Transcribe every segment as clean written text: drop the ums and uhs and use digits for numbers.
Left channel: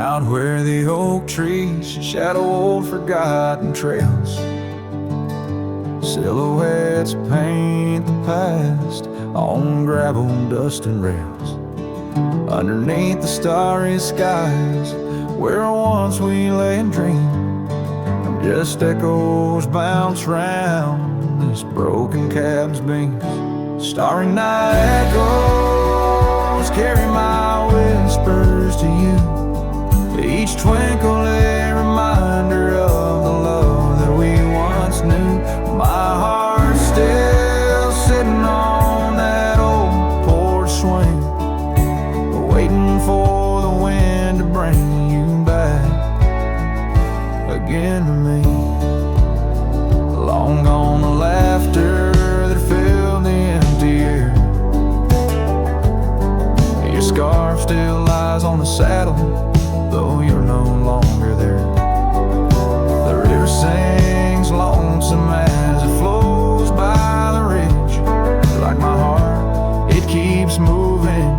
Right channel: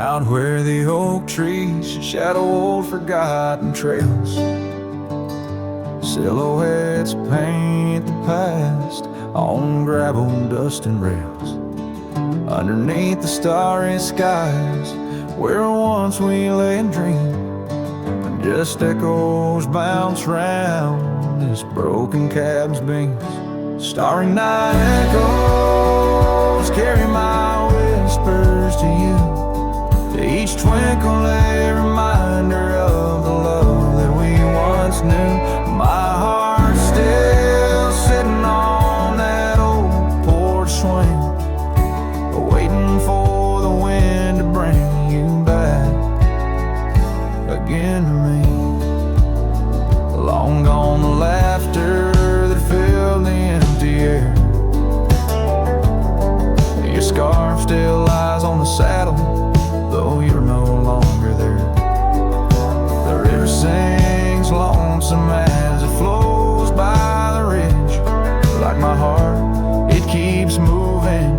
out where the oak trees shadow old forgotten trails. Silhouettes paint the past on gravel, dust and rails. Underneath the starry skies where once we lay and dreamed, and just echoes bounce round this broken cab's beams. Starry night echoes carry my whispers to you, each twinkle a reminder of the love that we once knew. My heart's still sitting on that old porch swing, waiting for the wind to bring you back again to me. Long gone the laughter that filled the empty air. Your scarf still lies on the saddle, though you're no longer there. The river sings lonesome as it flows by the ridge. Like my heart, it keeps moving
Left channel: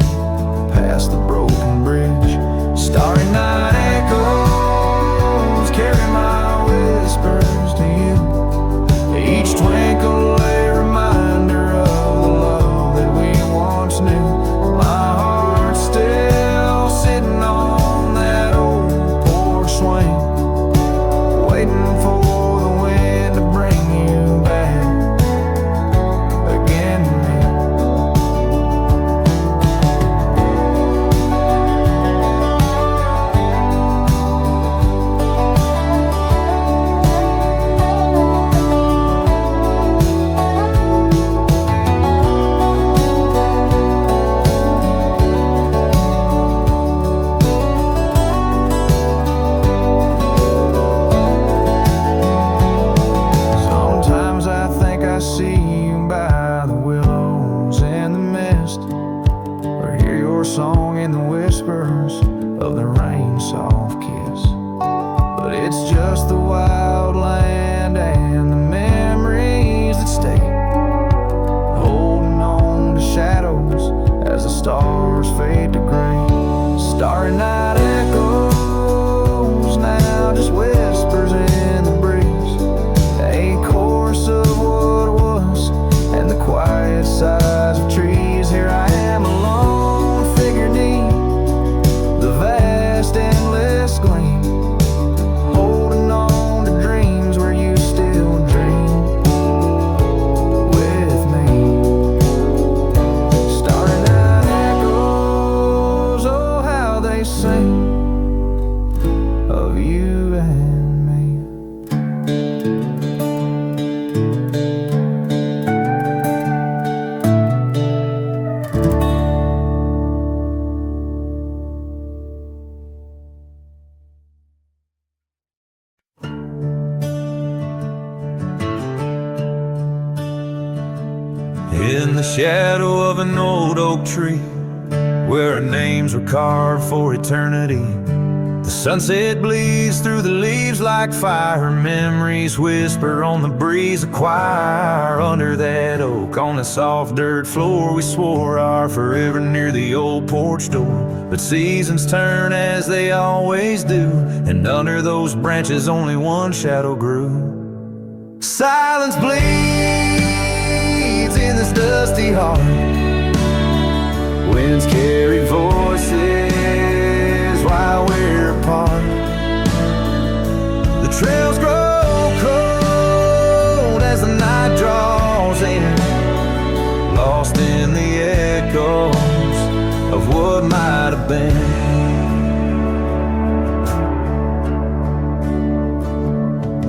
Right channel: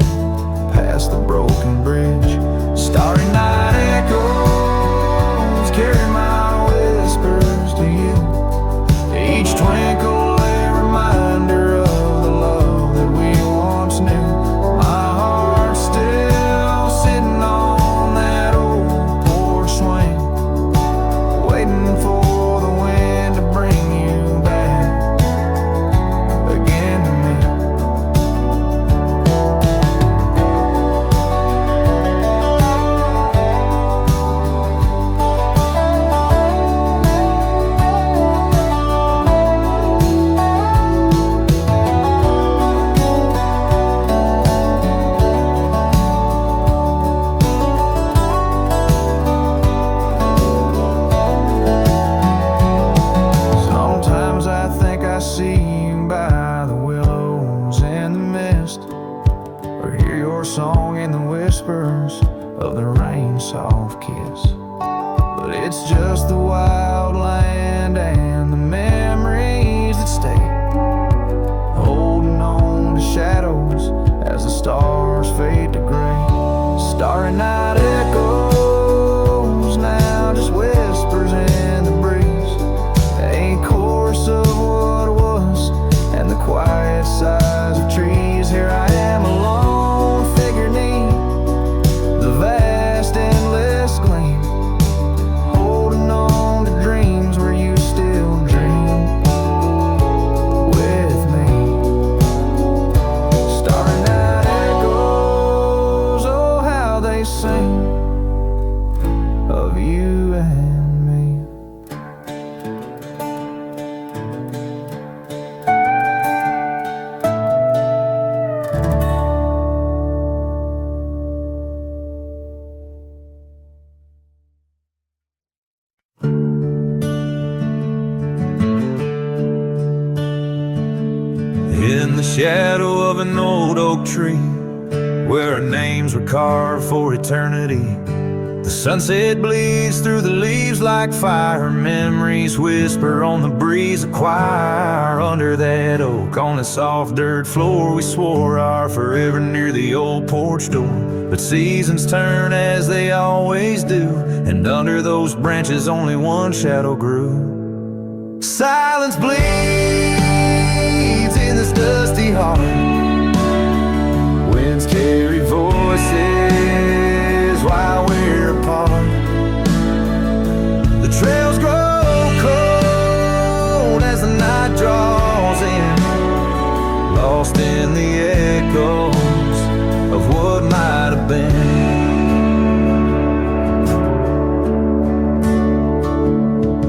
past the broken bridge. Starry night echoes carry my whispers to you, each twinkle a reminder of the love that we once knew. My heart's still sitting on that old porch swing, waiting for the wind to bring you back again to me. I see you by the willows and the mist, or hear your song in the whispers of the rain's soft kiss. But it's just the wild land and the memories that stay, holding on to shadows as the stars fade to gray. Starry night echoes now just whispers in the breeze, a chorus of what was and the quiet sighs of trees. Here I am alone, figure neat, the vast endless gleam, holding on to dreams where you still dream with me. Starry night echoes, oh how they sing of you and in the shadow of an old oak tree, where our names were carved for eternity. The sunset bleeds through the leaves like fire. Memories whisper on the breeze, a choir under that oak. On the soft dirt floor we swore our forever near the old porch door. But seasons turn as they always do, and under those branches only one shadow grew. Silence bleeds in this dusty heart. Winds carry voices while we're apart. The trails grow cold as the night draws in, lost in the echoes of what might have been.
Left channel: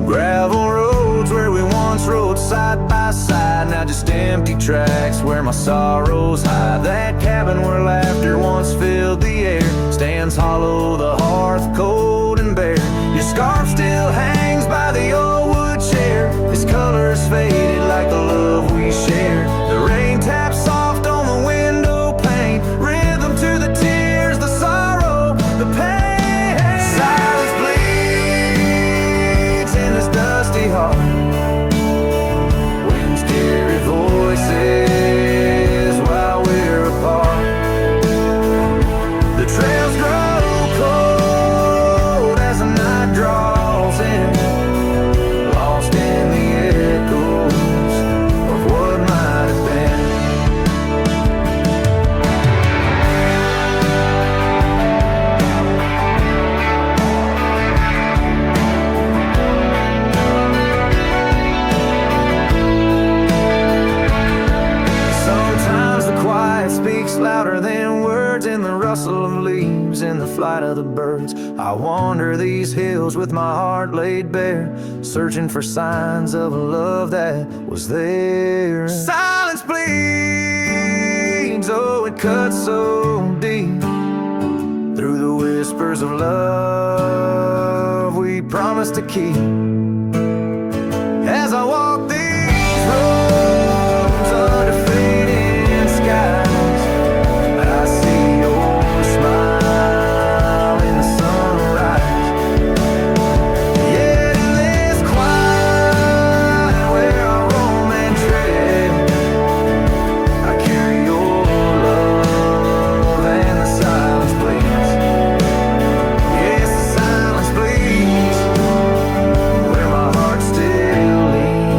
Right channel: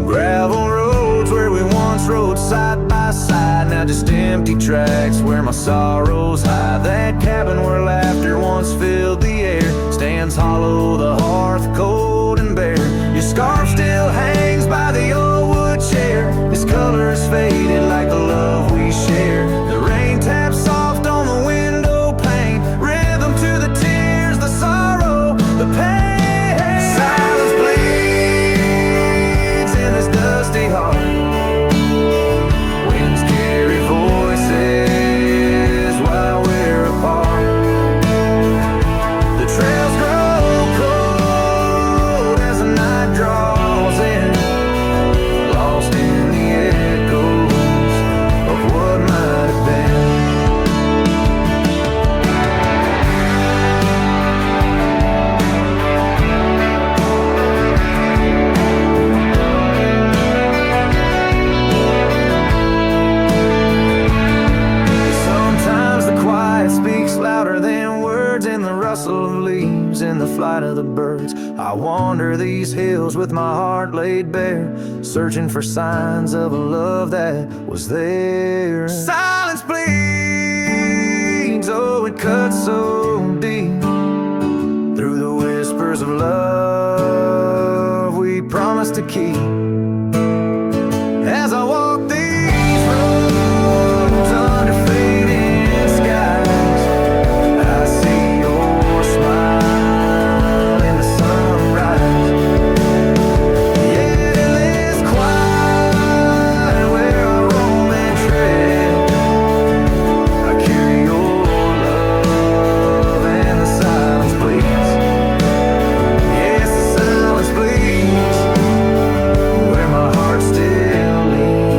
Gravel roads where we once rode side by side, now just empty tracks where my sorrows hide. That cabin where laughter once filled the air stands hollow, the hearth cold and bare. Your scarf still hangs by the old wood chair, its colors faded like the love we share. The rain taps soft on the window pane, rhythm to the tears, the sorrow, the pain. Silence bleeds in this dusty heart. Winds carry voices while we're apart. The trails grow cold echoes of what might have been. Sometimes the quiet speaks louder than words, in the rustle of leaves, in the flight of the birds. I wander these hills with my heart laid bare, searching for signs of a love that was there. Silence bleeds, oh it cuts so deep, through the whispers of love we promised to keep. As I walk these roads under fading skies, I see your smile in the sunrise. Yet in this quiet where I roam and tread, I carry your love and the silence bleeds. Yes, the silence bleeds where my heart still leans.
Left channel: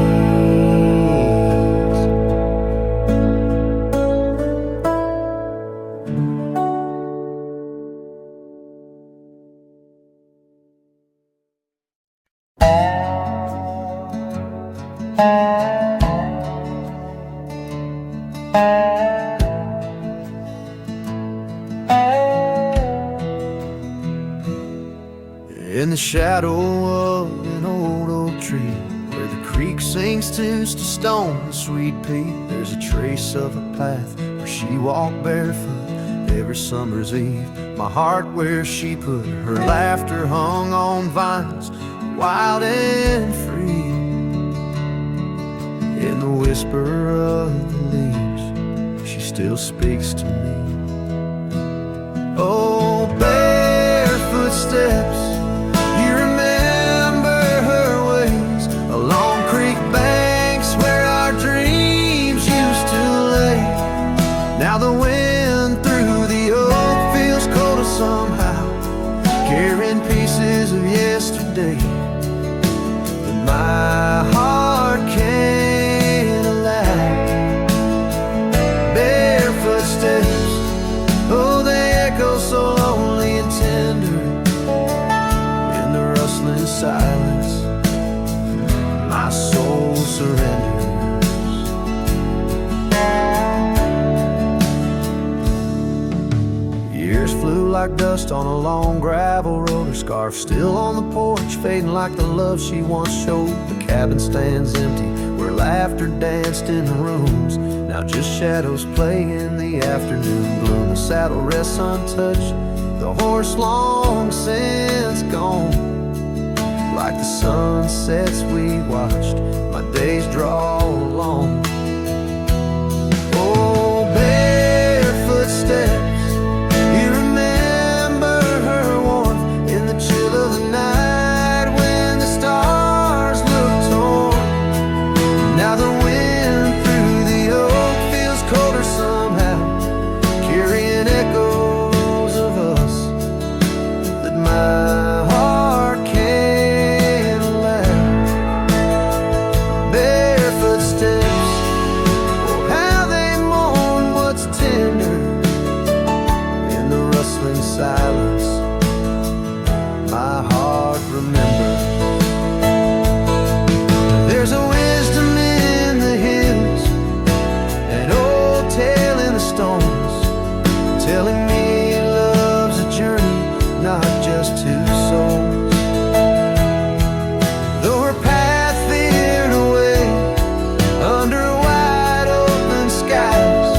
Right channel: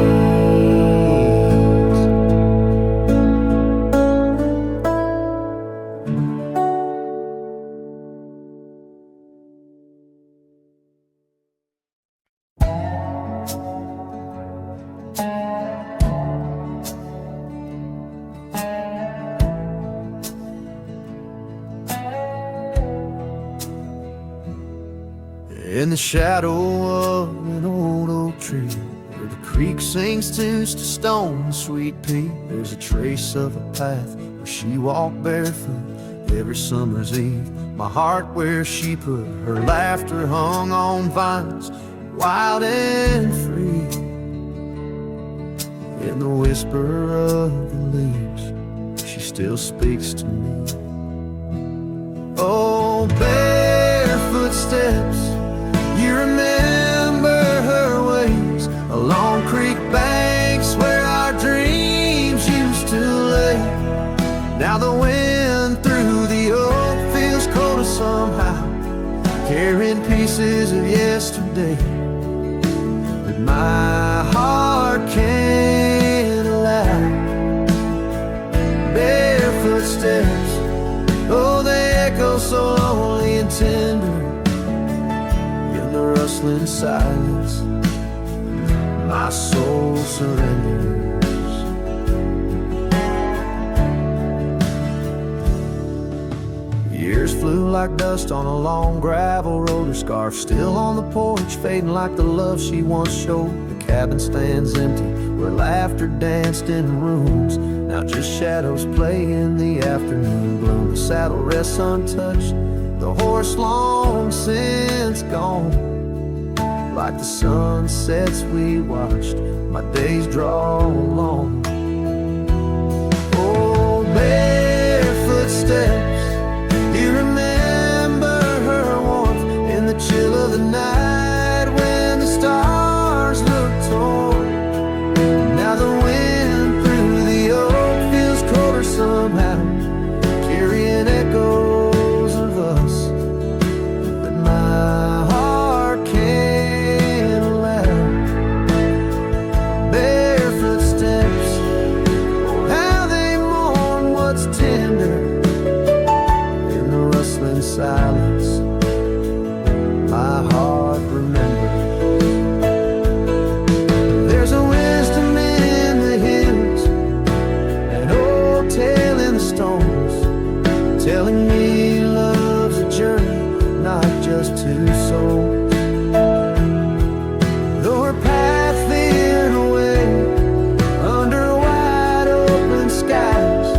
In the shadow of an old oak tree, where the creek sings tunes to stone and sweet pea, there's a trace of a path where she walked barefoot every summer's eve. My heart where she put her laughter hung on vines, wild and free. In the whisper of the leaves, she still speaks to me. Oh, barefoot steps, you remember her ways along creek banks where our dreams used to lay. Now the wind through the oak feels colder somehow, carrying pieces of yesterday that my heart can't allow. Barefoot steps, oh they echo so lonely and tender, in the rustling silence my soul surrenders. Years flew like dust on a long gravel road, her scarf still on the porch, fading like the love she once showed. The cabin stands empty where laughter danced in rooms, now just shadows play in the afternoon gloom. The saddle rests untouched, the horse long since gone. Like the sunsets we watched, my days draw long. Oh, barefoot steps, you remember her warmth in the chill of the night when the stars looked torn. Now the wind through the oak feels colder somehow, carrying echoes of us that my heart can't allow. Barefoot steps, oh how they mourn what's tender, in the rustling silence my heart remembers. There's a wisdom in the hills, an old tale in the stones, telling me love's a journey, not just two souls. Though her path veered away under wide open skies,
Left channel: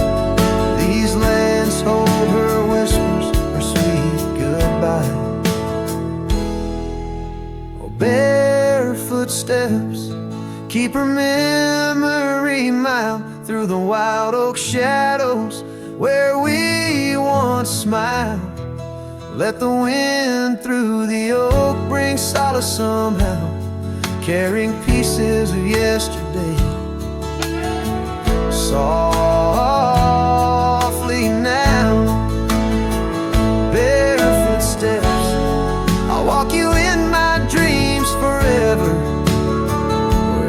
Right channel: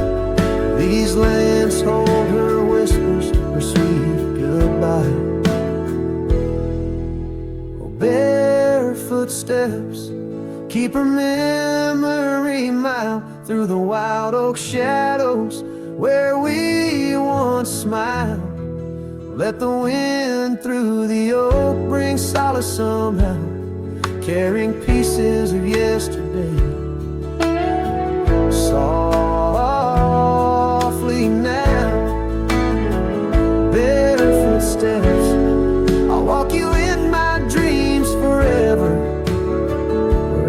these lands hold her whispers, her sweet goodbye. Oh, barefoot steps, keep her memory mild through the wild oak shadows where we once smiled. Let the wind through the oak bring solace somehow, carrying pieces of yesterday. Softly now, barefoot steps, I'll walk you in my dreams forever,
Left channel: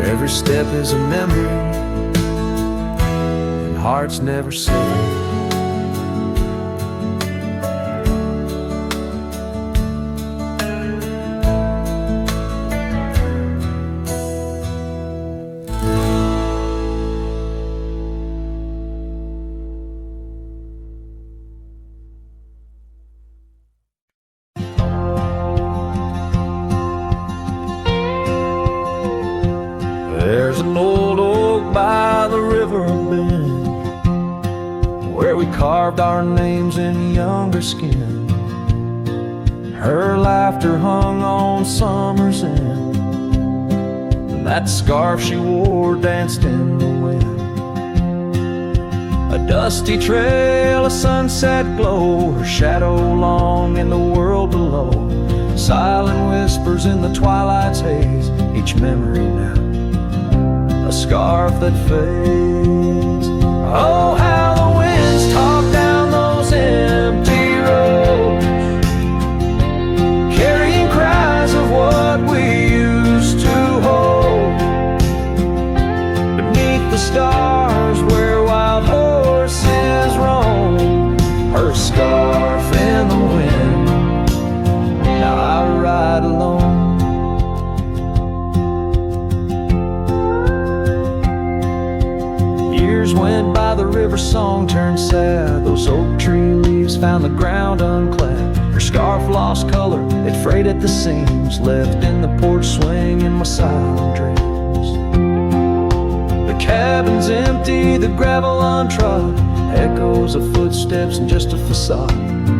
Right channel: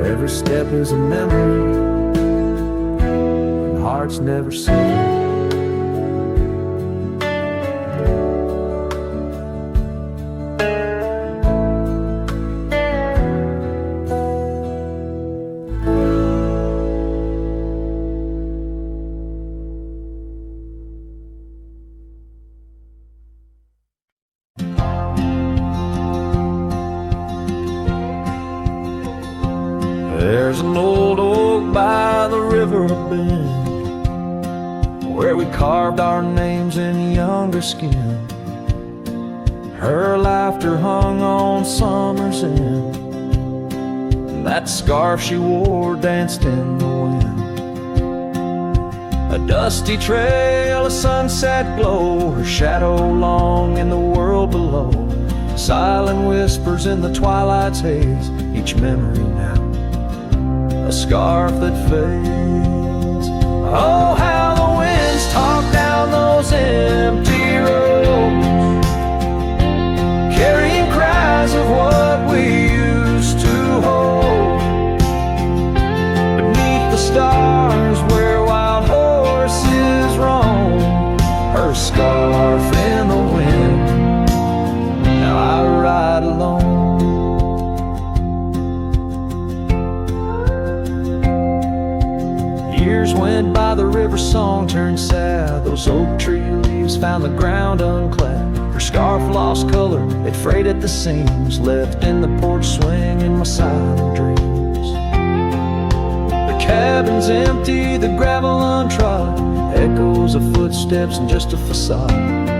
every step is a memory, and hearts never sever. There's an old oak by the river bend, where we carved our names in younger skin. Her laughter hung on summer's end, and that scarf she wore danced in the wind. A dusty trail, a sunset glow, her shadow long in the world below. Silent whispers in the twilight's haze, each memory now a scarf that fades. Oh, how the winds talk down those empty roads, carrying cries of what we used to hold. Beneath the stars where wild horses roam, her scarf in the wind, now I ride alone. Years went by, the river song turned sad. Those oak tree leaves found the ground unclad. Her scarf lost color, it frayed at the seams, left in the porch swing in my silent dreams. The cabin's empty, the gravel untrod, echoes of footsteps and just a facade.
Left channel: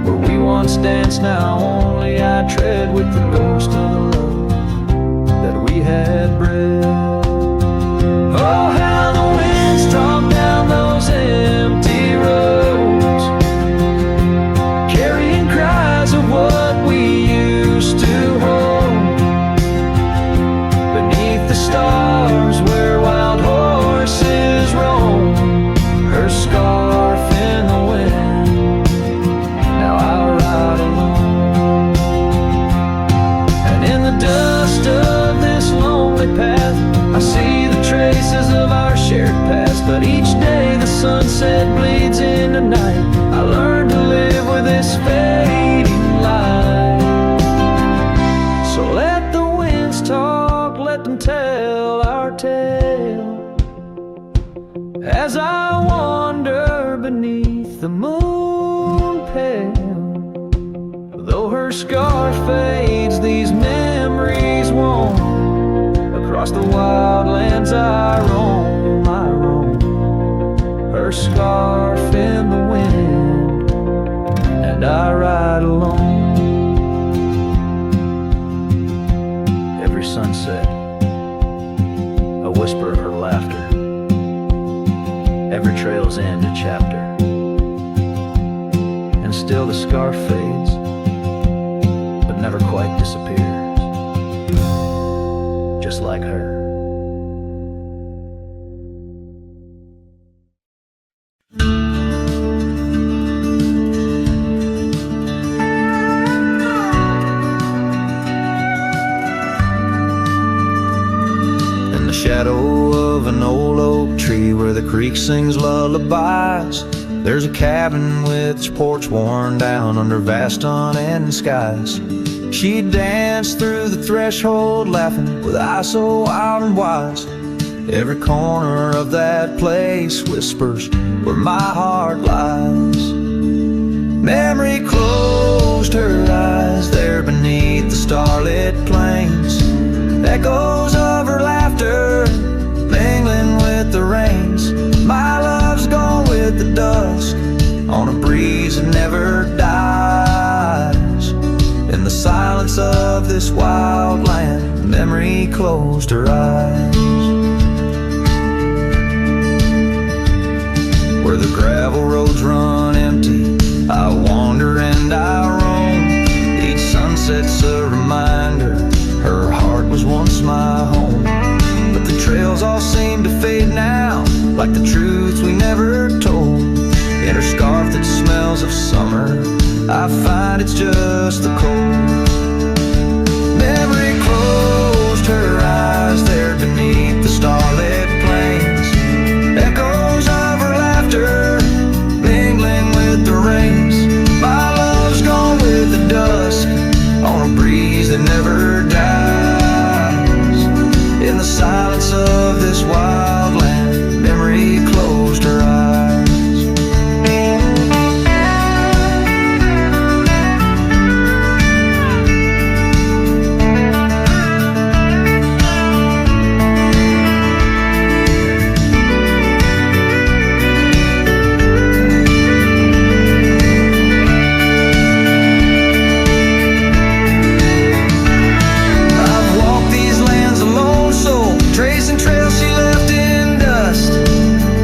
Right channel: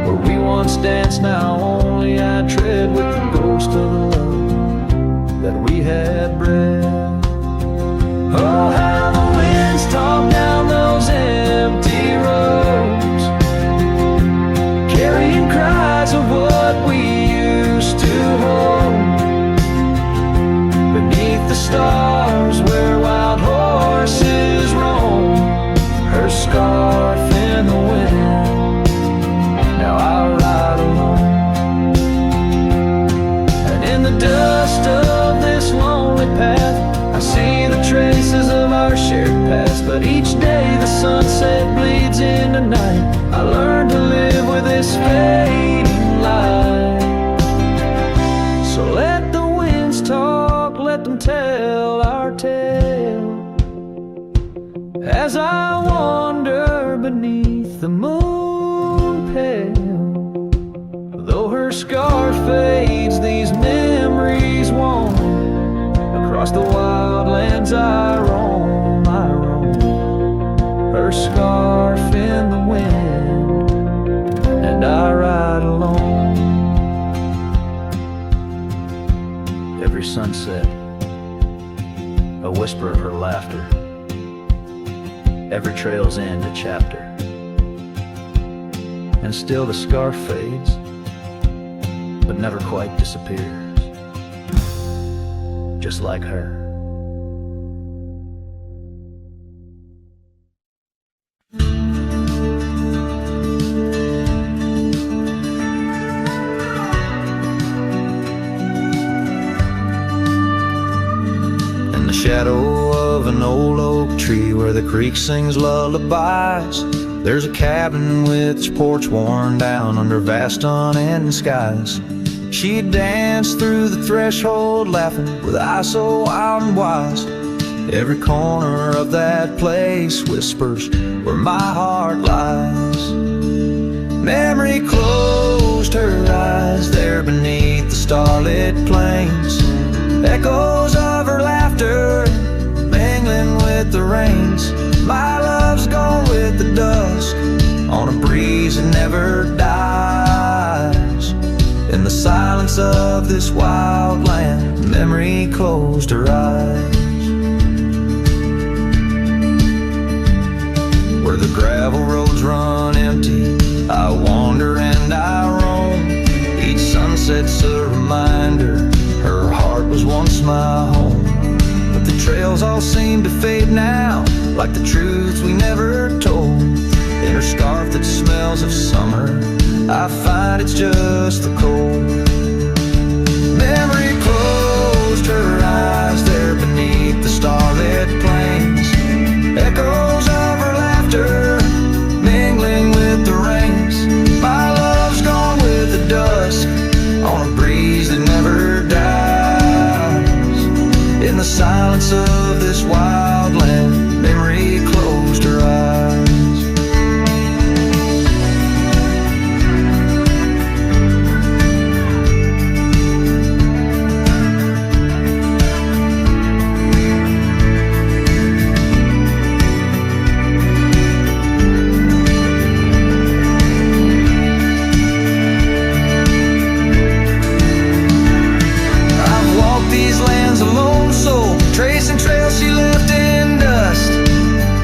Where we once danced, now only I tread, with the ghost of the love that we had bred. Oh, how the winds talk down those empty roads, carrying cries of what we used to hold. Beneath the stars where wild horses roam, her scarf in the wind, now I ride alone. And in the dust of this lonely path, I see the traces of our shared past. But each day the sunset bleeds into night, I learn to live with this fading light. So let the winds talk, let them tell our tale, as I wander beneath the moon pale. Though her scarf fades, these memories won't. Across the wild lands I roam, her scarf in the wind, and I ride alone. Every sunset, a whisper of her laughter, every trail's end a chapter, and still the scarf fades, but never quite disappears, just like her. In the shadow of an old oak tree where the creek sings lullabies, there's a cabin with its porch worn down under vast unending skies. She danced through the threshold laughing with eyes so wild and wise. Every corner of that place whispers where my heart lies. Memory closed her eyes there beneath the starlit plains. Echoes of her laughter mingling with the rains. My love's gone with the dusk on a breeze that never dies. In the silence of this wild land, memory closed her eyes. Where the gravel roads run empty, I wander and I roam. Each sunset's a reminder her heart was once my home. But the trails all seem to fade now, like the truths we never told. In her scarf that smells of summer, I find it's just the cold. Memory closed her eyes there there beneath the starlit plains. Echoes of her laughter mingling with the rains. My love's gone with the dusk on a breeze that never dies. In the silence of this wild land, memory closed her eyes. These lands a lone soul, tracing trails she left in dust.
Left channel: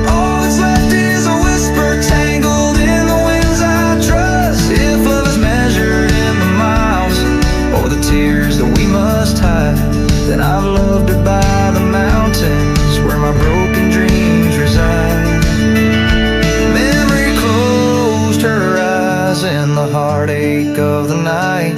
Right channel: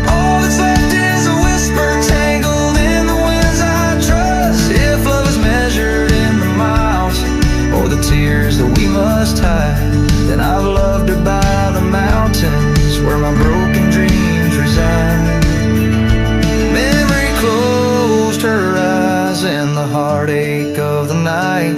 All that's left is a whisper tangled in the winds I trust. If love is measured in the miles or the tears that we must hide, then I've loved her by the mountains where my broken dreams reside. Memory closed her eyes in the heartache of the night.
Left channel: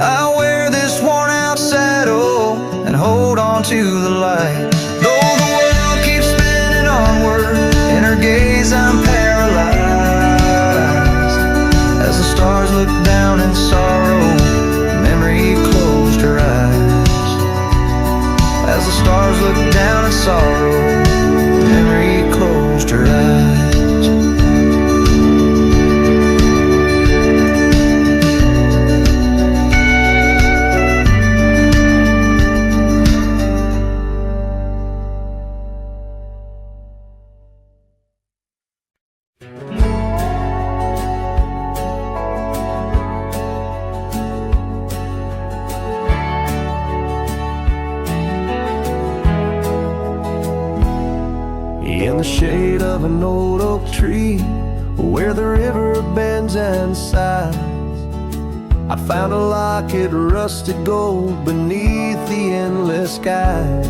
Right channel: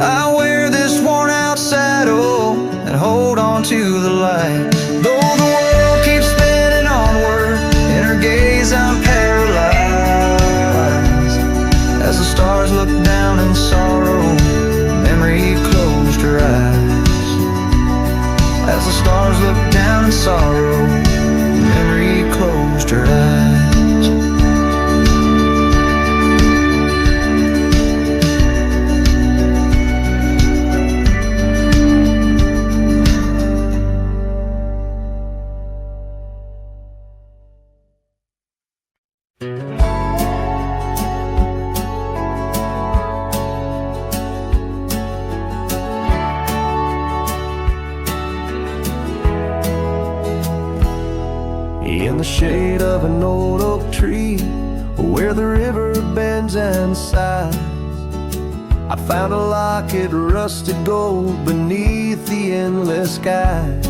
I wear this worn out saddle and hold on to the light. Though the world keeps spinning onward, in her gaze I'm paralyzed. As the stars look down in sorrow, memory closed her eyes. As the stars look down in sorrow, memory closed her eyes. In the shade of an old oak tree, where the river bends and sighs, I found a locket, rusted gold beneath the endless skies.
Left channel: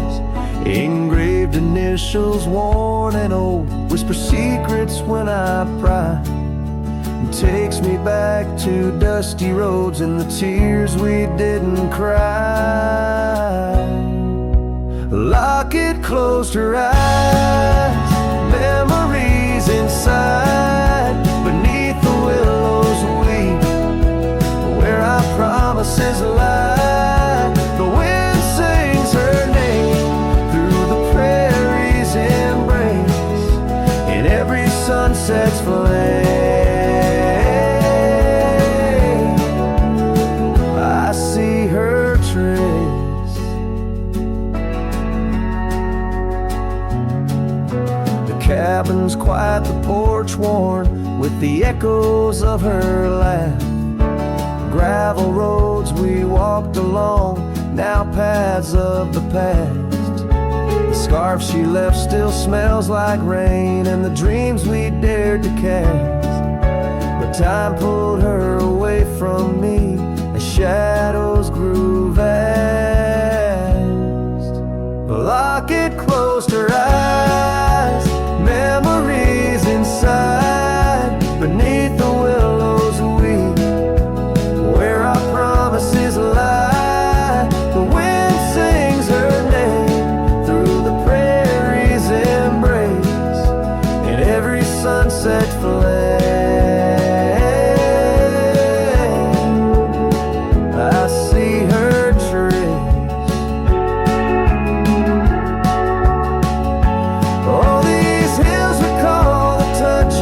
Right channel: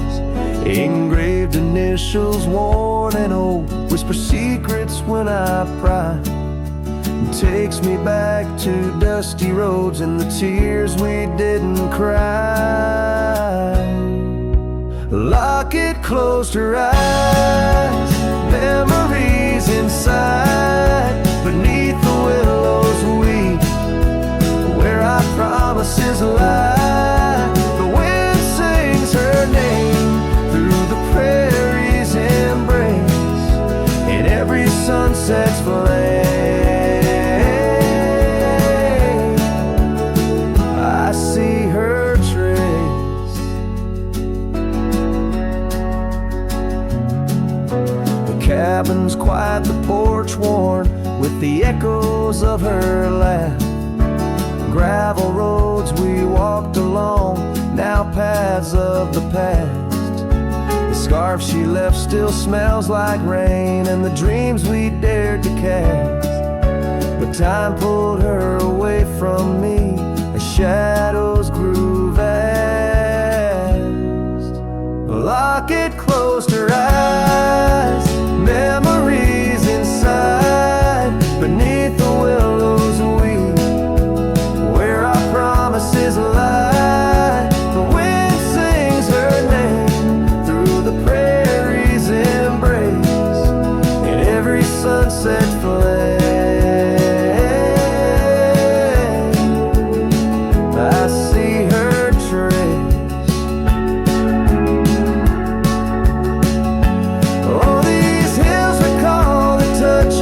Engraved initials, worn and old, whisper secrets when I pry. It takes me back to dusty roads and the tears we didn't cry. Locket closed her eyes, memories inside. Beneath the willows weep, where our promises lie. The wind sings her name through the prairie's embrace. In every sunset's flame, I see her trace. Cabin's quiet, the porch worn with the echoes of her laugh. Gravel roads we walked along, now paths of the past. The scarf she left still smells like rain, and the dreams we dared to cast. But time pulled her away from me as shadows grew vast. The locket closed her eyes, memories inside. Beneath the willows weep, where our promises lie. The wind sings her name through the prairie's embrace. In every sunset flame, I see her trace.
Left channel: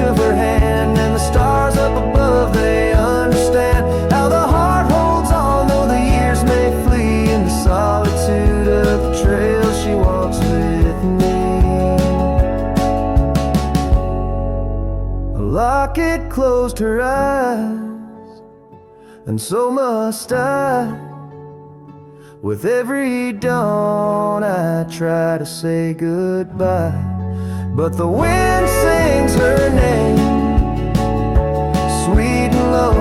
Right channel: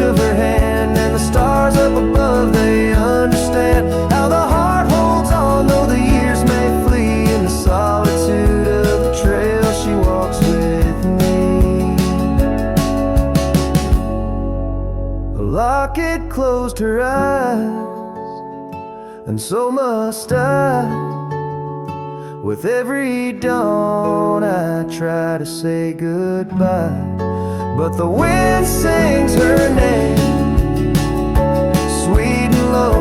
Of her hand, and the stars up above, they understand how the heart holds on, though the years may flee. In the solitude of the trail she walks with me. A locket closed her eyes, and so must I. With every dawn I try to say goodbye, but the wind sings her name, sweet and low,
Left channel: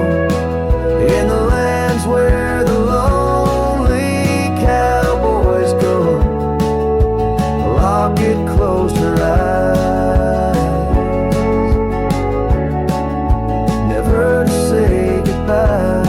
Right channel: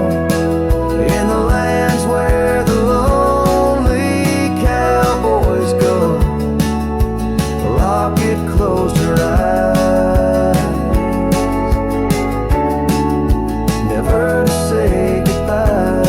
in the lands where the lonely cowboys go. A locket closed her eyes, never to say goodbye.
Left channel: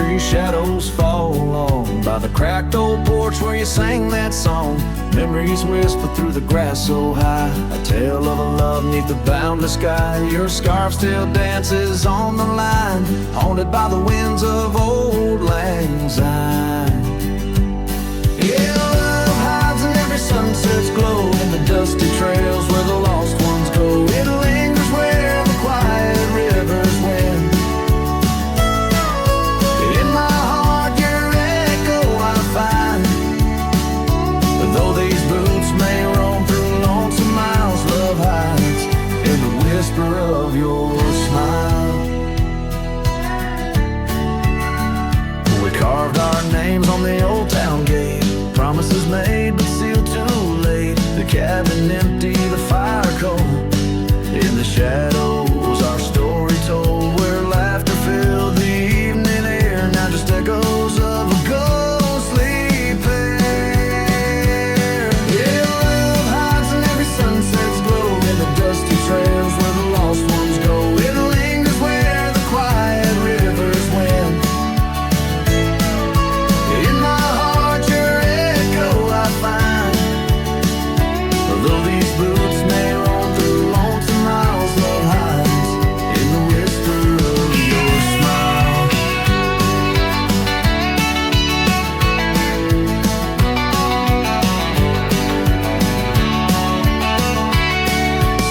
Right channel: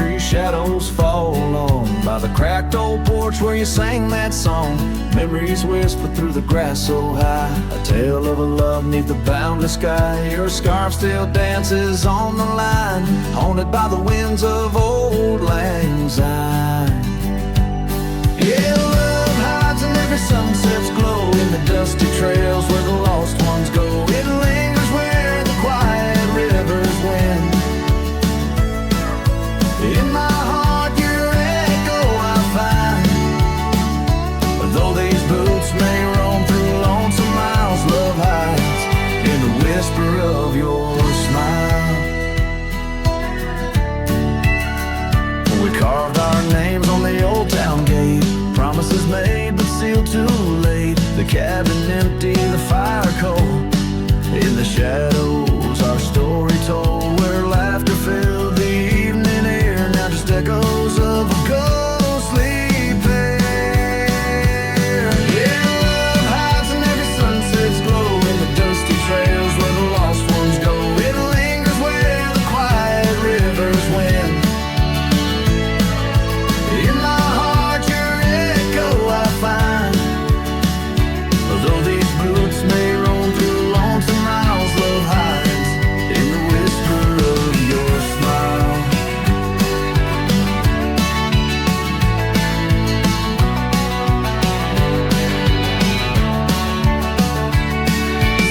tree shadows fall on, by the cracked old porch where you sang that song. Memories whisper through the grass so high, a tale of a love neath the boundless sky. Your scarf still dances on the line, haunted by the winds of old lang syne. Yeah, love hides in every sunset's glow, in the dusty trails where the lost ones go. It lingers where the quiet rivers win. In my heart your echo I find, though these boots may roam through lonesome miles. Love hides in the whisper of your smile. We carved our names on the old town gate, promises made but sealed too late. The cabin empty, the fire cold, in the shadows our story told, where laughter filled the evening air. Now just echoes of a ghostly pair. Yeah, love hides in every sunset's glow, in the dusty trails where the lost ones go. It lingers where the quiet rivers win. In my heart your echo I find, although these boots may roam through lonesome miles. Love hides in the whisper of your smile.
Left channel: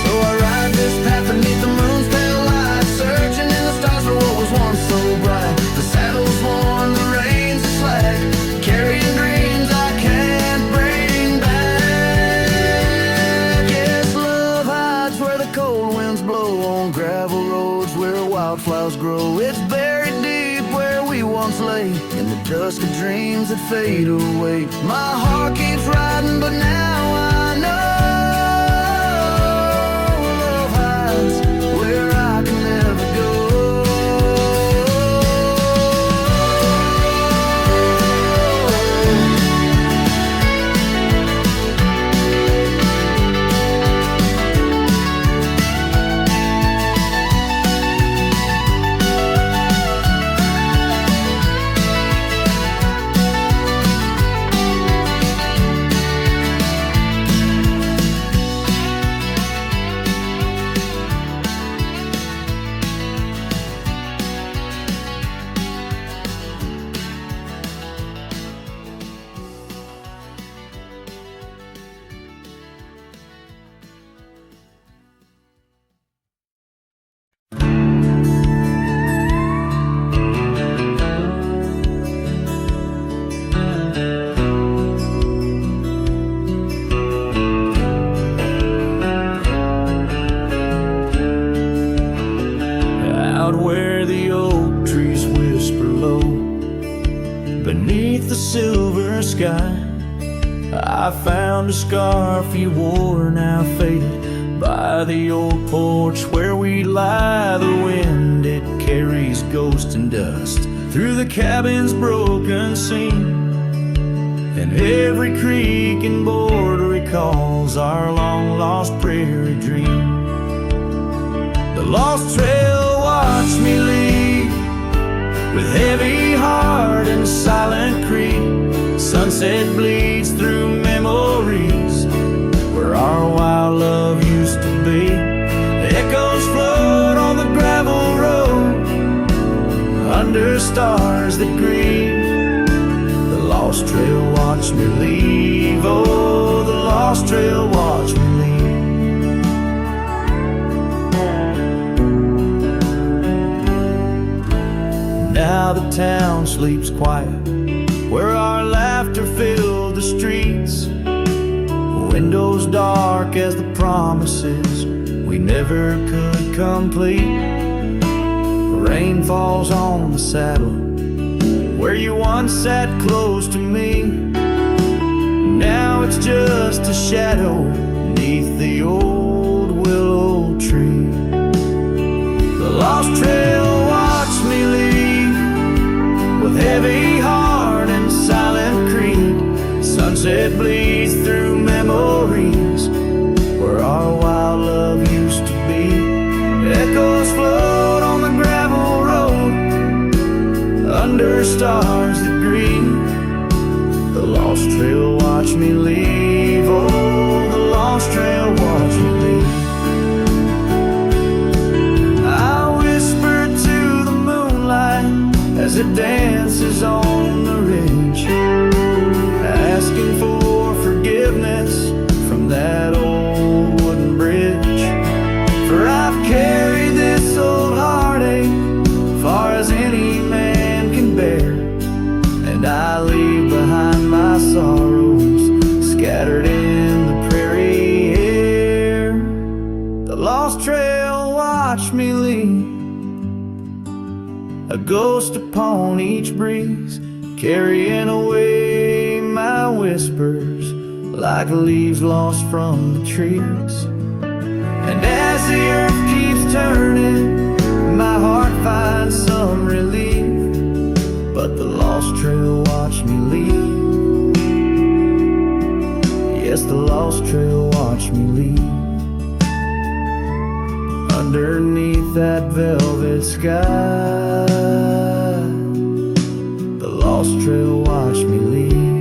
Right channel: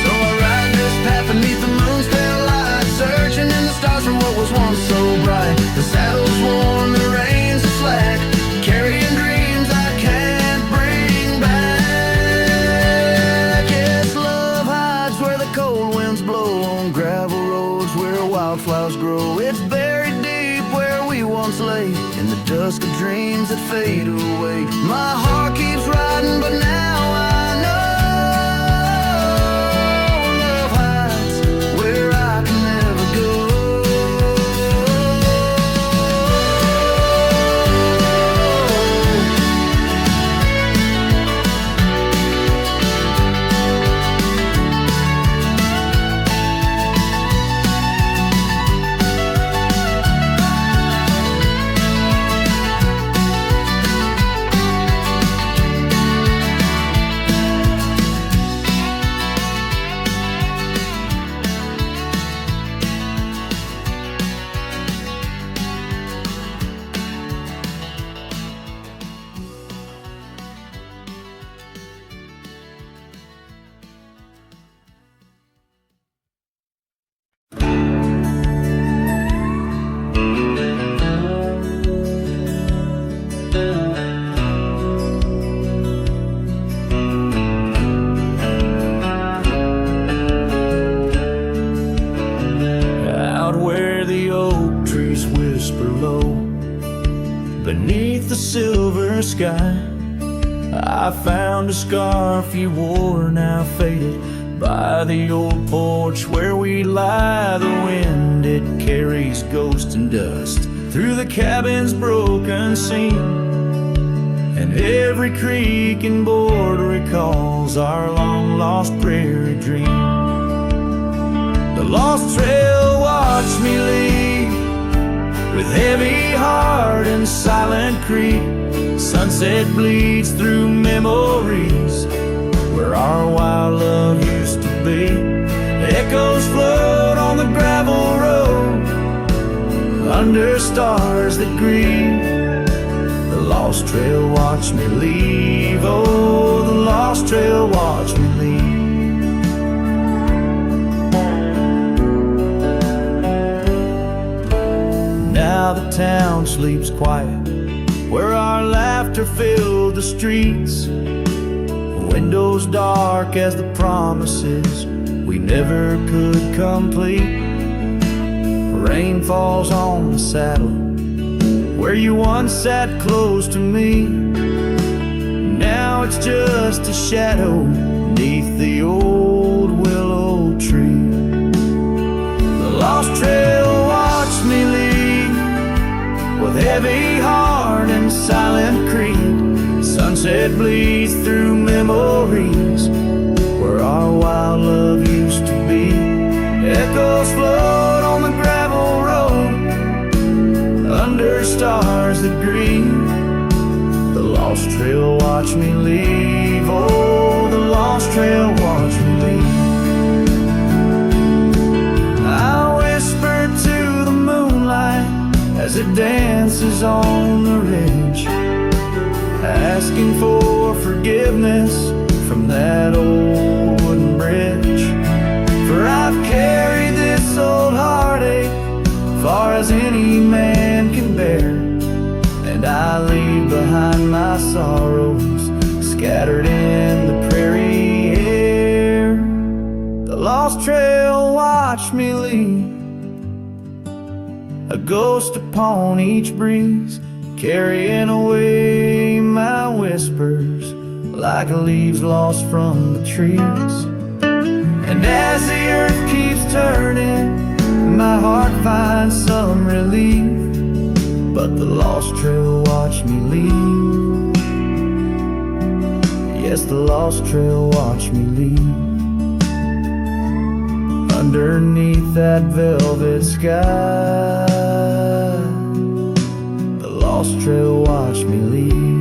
So I ride this path beneath the moon's pale light, searching in the stars for what was once so bright. The saddle's worn, the reins are slack, carrying dreams I can't bring back. Yes, love hides where the cold winds blow, on gravel roads where wildflowers grow. It's buried deep where we once lay, in the dusk of dreams that fade away. My heart keeps riding, but now I know love hides where I can never go. Out where the oak trees whisper low, beneath the silver sky, I found a scarf you wore, now faded, by the old porch where we lie. The wind, it carries ghost and dust through the cabin's broken seam, and every creak and board recalls our long-lost prairie dream. The lost trail watched me leave, with heavy heart and silent creep. Sunset bleeds through memories where our wild love used to be. Echoes float on the gravel road under stars that grieve. The lost trail watched me leave, oh, the lost trail watched me leave. Now the town sleeps quiet, where our laughter filled the streets. Windows dark as the promises we never could complete. Rain falls on the saddle where you once sat close to me. Now it's just a shadow neath the old willow tree. The lost trail watched me leave, with heavy heart and silent creed. Sunset bleeds through memories where our wild love used to be. Echoes float on the gravel road under stars that grieve. The lost trail watch me leave. Oh, the lost trail watch me leave. I whisper to the moonlight as it dances on the ridge, asking for forgiveness from that old wooden bridge. For I've carried this old heartache far as any man can bear, and I leave behind my sorrows scattered in the prairie air. The lost trail watch me leave, a ghost upon each breeze, carrying away my whispers like leaves lost from the trees. And as the earth keeps turning, my heart finds some relief, but the lost trail watch me leave. Yes, the lost trail watch me leave. Underneath that velvet sky, the lost trail watch me leave.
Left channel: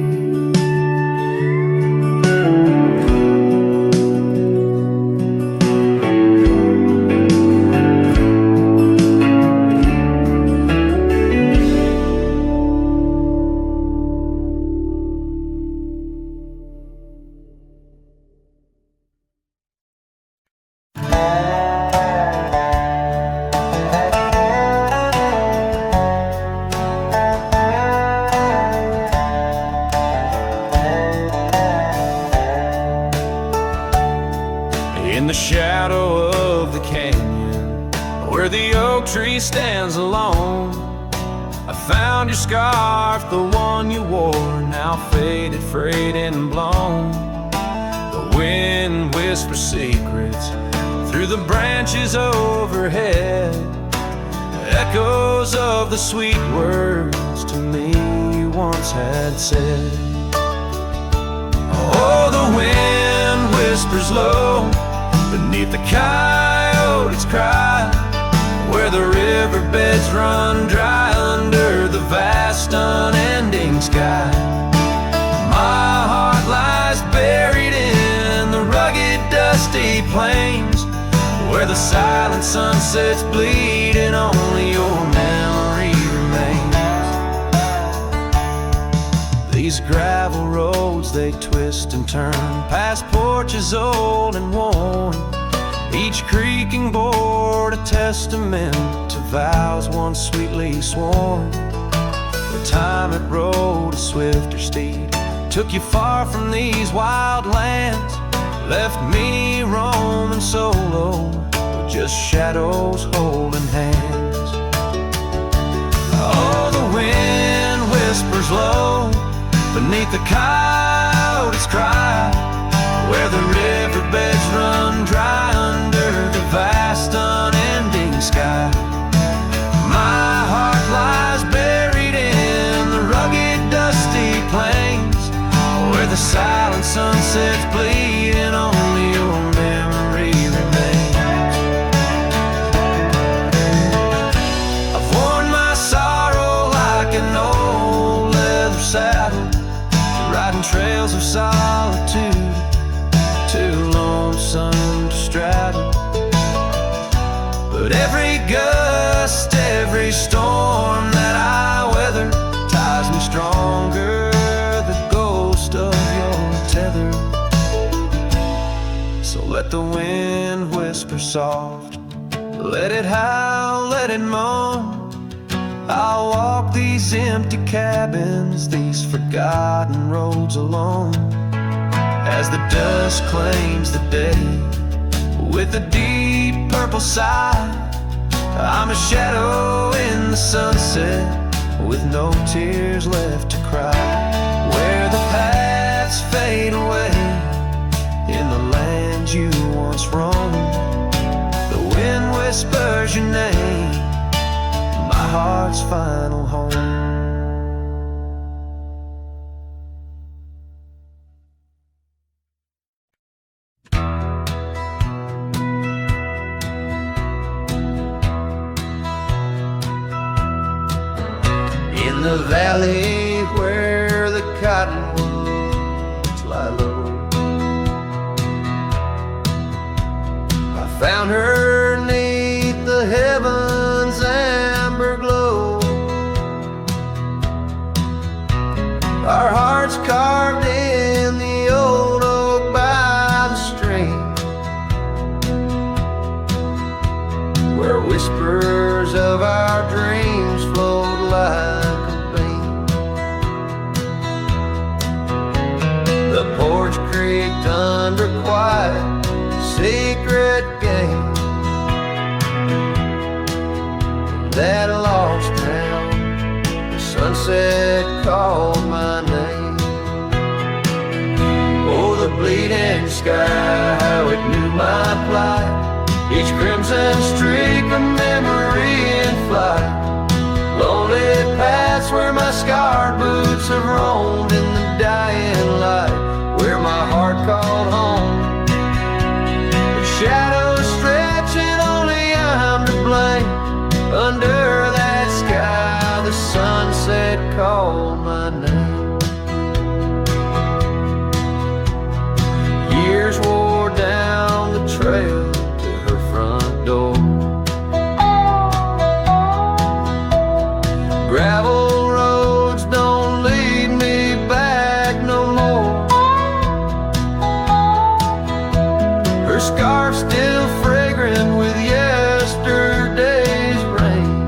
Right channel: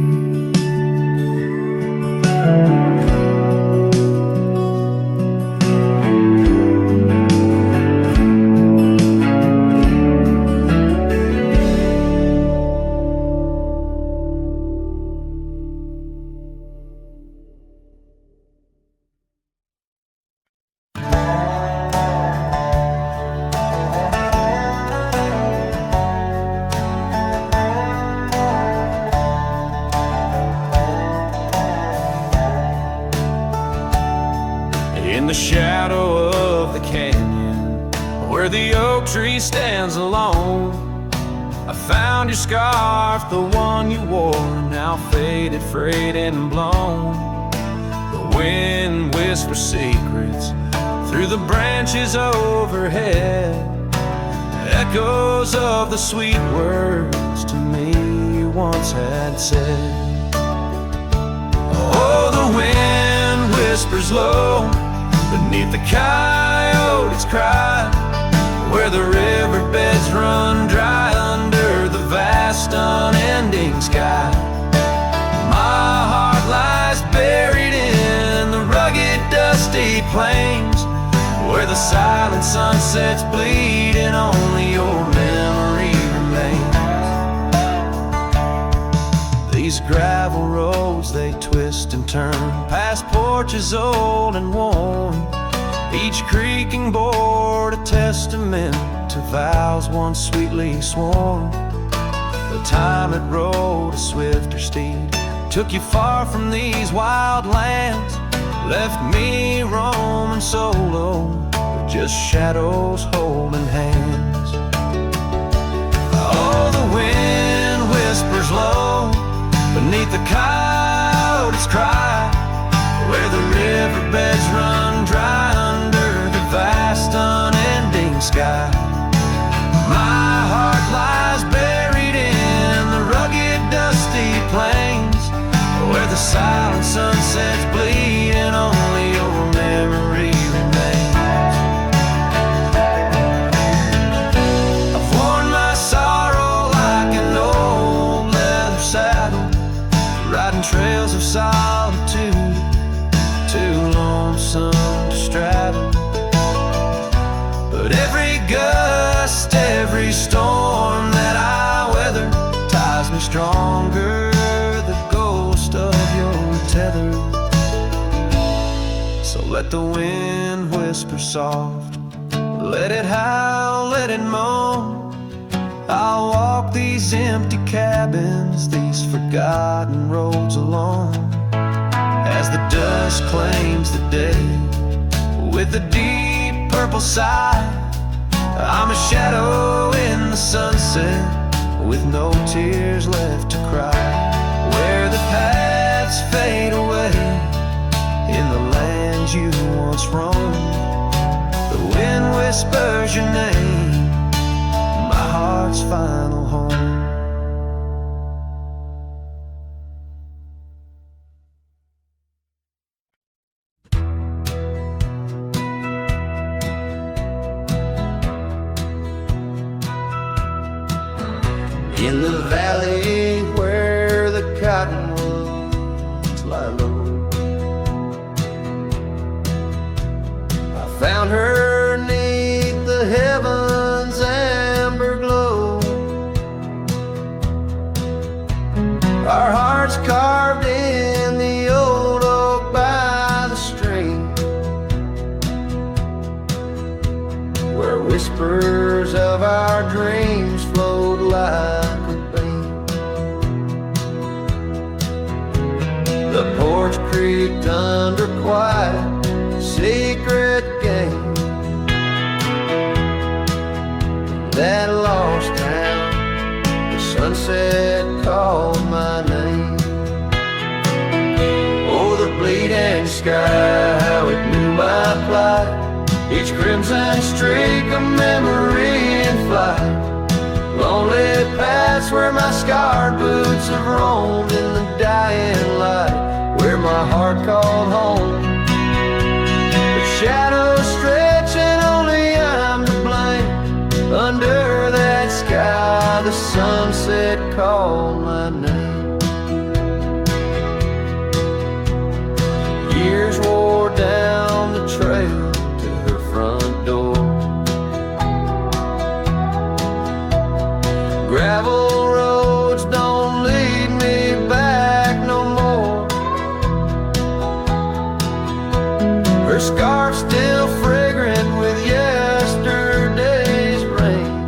In the shadow of the canyon, where the oak tree stands alone, I found your scarf, the one you wore, now faded, frayed and blown. The wind whispers secrets through the branches overhead, echoes of the sweet words to me you once had said. Oh, the wind whispers low beneath the coyote's cry, where the riverbeds run dry under the vast unending sky. My heart lies buried in the rugged dusty plains, where the silent sunsets bleed and only your memory remains. These gravel roads, they twist and turn past porches old and worn, each creaking board a testament to vows once sweetly sworn. The time it rode a swifter steed took you far from these wild lands, left me roaming solo with just shadows holding hands. Oh, the wind whispers low beneath the coyote's cry, where the riverbeds run dry under the vast unending sky. My heart lies buried in the rugged dusty plains, where the silent sunsets bleed and only your memory remains. I've worn my sorrow like an old leather saddle, riding trails of solitude, too lonesome to straddle. But every gust, every storm that I weather ties me stronger, the ghost of your tether. So let the wind whisper soft, let it howl, let it moan. I'll walk these empty cabins, these forgotten roads alone, as the dusk claims the day with a deep purple sigh. I'm a shadow in the sunset with no tears left to cry, where the paths fade away in the lands you once roamed. The wind whispers your name, my heart's final home. In the valley where the cottonwoods lie low, I found her 'neath the heavens' amber glow. Our hearts carved in the old oak by the stream, where whispers of our dreams flowed like a beam. The porch creaked under quiet, secret game. In that lost town, the sunset called my name. Oh, the bleeding sky, how it knew my plight. Each crimson streak a memory in flight. Lonely paths where my scarred boots have roamed in the dying light, where my heart called home. But shadows stretch and only I'm to blame. Under that sky, the sunset called my name. Years wore down the trail to her front door. Gravel roads don't lead me back no more. Her scarf still fragrant with yesterday's rain,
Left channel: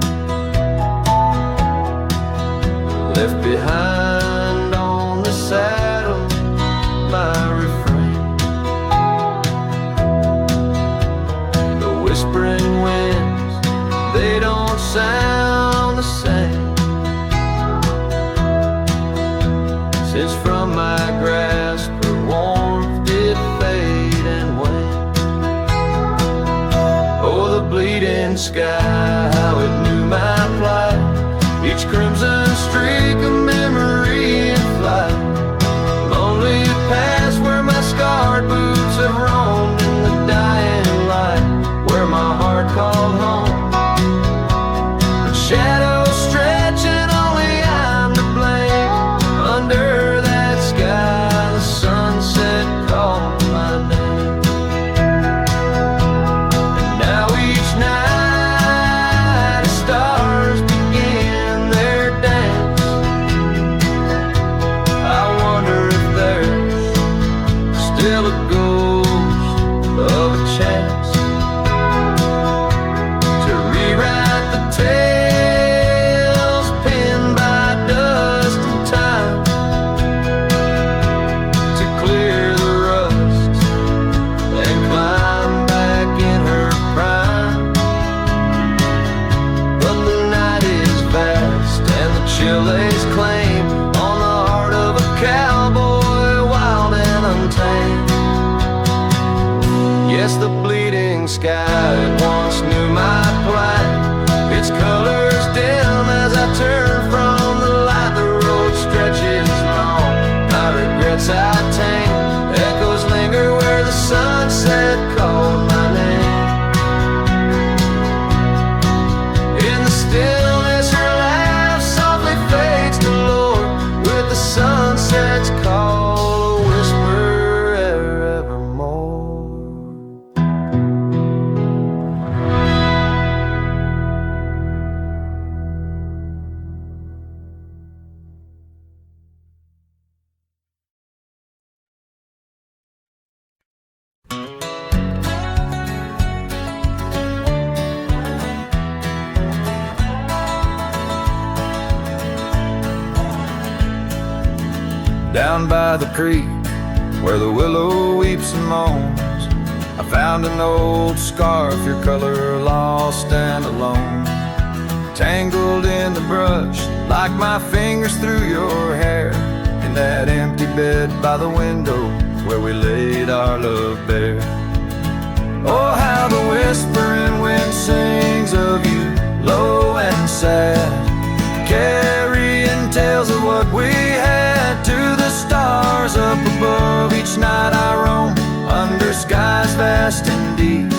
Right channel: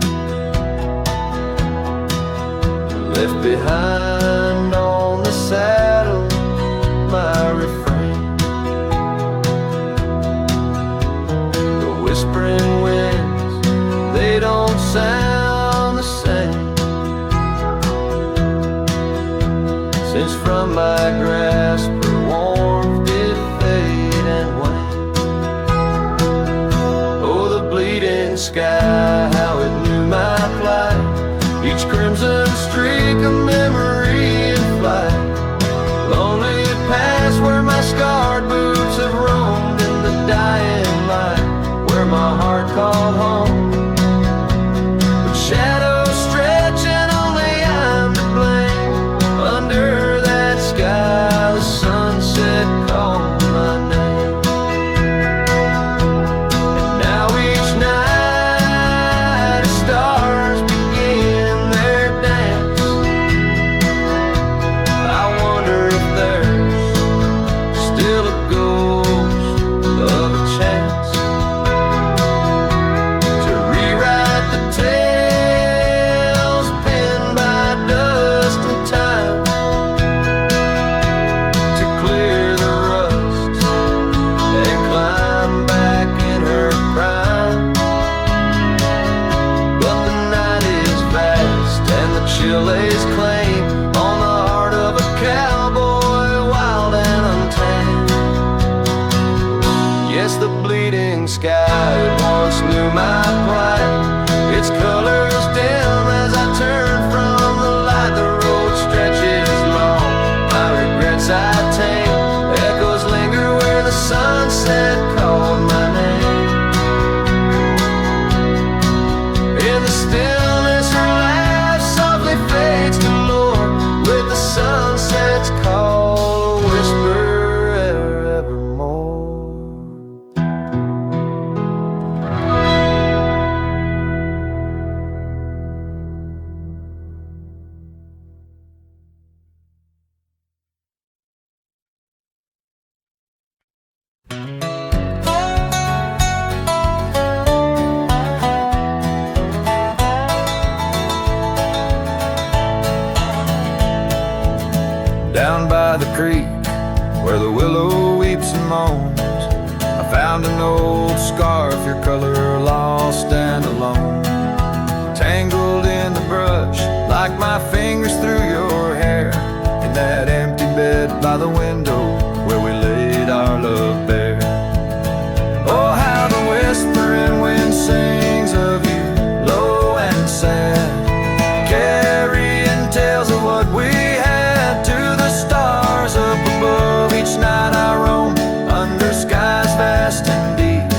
left behind on the saddle my refrain. The whispering winds, they don't sound the same, since from my grasp her warmth did fade and wane. Oh, the bleeding sky, how it knew my plight. Each crimson streak a memory in flight. Lonely paths where my scarred boots have roamed in the dying light, where my heart called home. But shadows stretch and only I'm to blame. Under that sky, the sunset called my name. And now each night as stars begin their dance, I wonder if there's still a ghost of a chance to rewrite the tales pinned by dust and time, to clear the rust and climb back in her prime. But the night is vast and the chill lays claim on the heart of a cowboy, wild and untamed. Yes, the bleeding sky, it once knew my plight. Its colors dim as I turn from the light. The road stretches long, my regrets I tame. Echoes linger where the sunset called my name. In the stillness, her laugh softly fades to lore, with the sunset's call a whisper evermore. Down by the creek, where the willow weeps and moans, I found an old scarf, your color lost and alone, tangled in the brush like my fingers through your hair, in that empty bed by the window where we laid our love bare. Oh, how the whispering wind sings of you, low and sad, carrying tales of what we had to the stars up above. Each night I roam under skies vast and deep,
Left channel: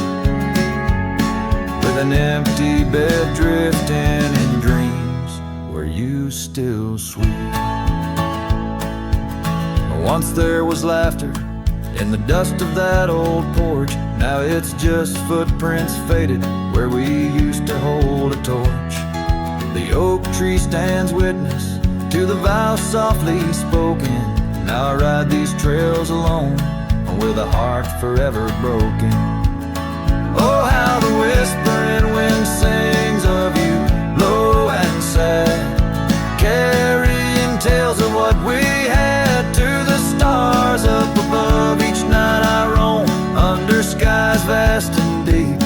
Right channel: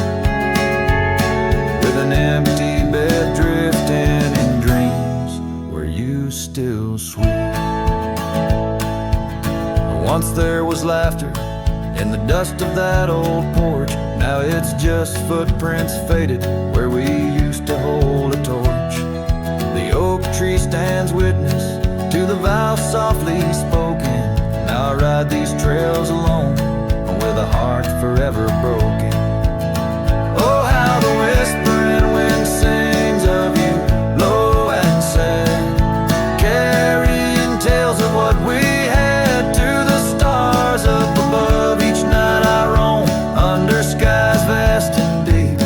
with an empty bed drifting in dreams where you still sweet. Once there was laughter in the dust of that old porch. Now it's just footprints faded where we used to hold a torch. The oak tree stands witness to the vow softly spoken. Now I ride these trails alone with a heart forever broken. Oh, how the whispering wind sings of you, low and sad, carrying tales of what we had to the stars up above. Each night I roam under skies vast and deep,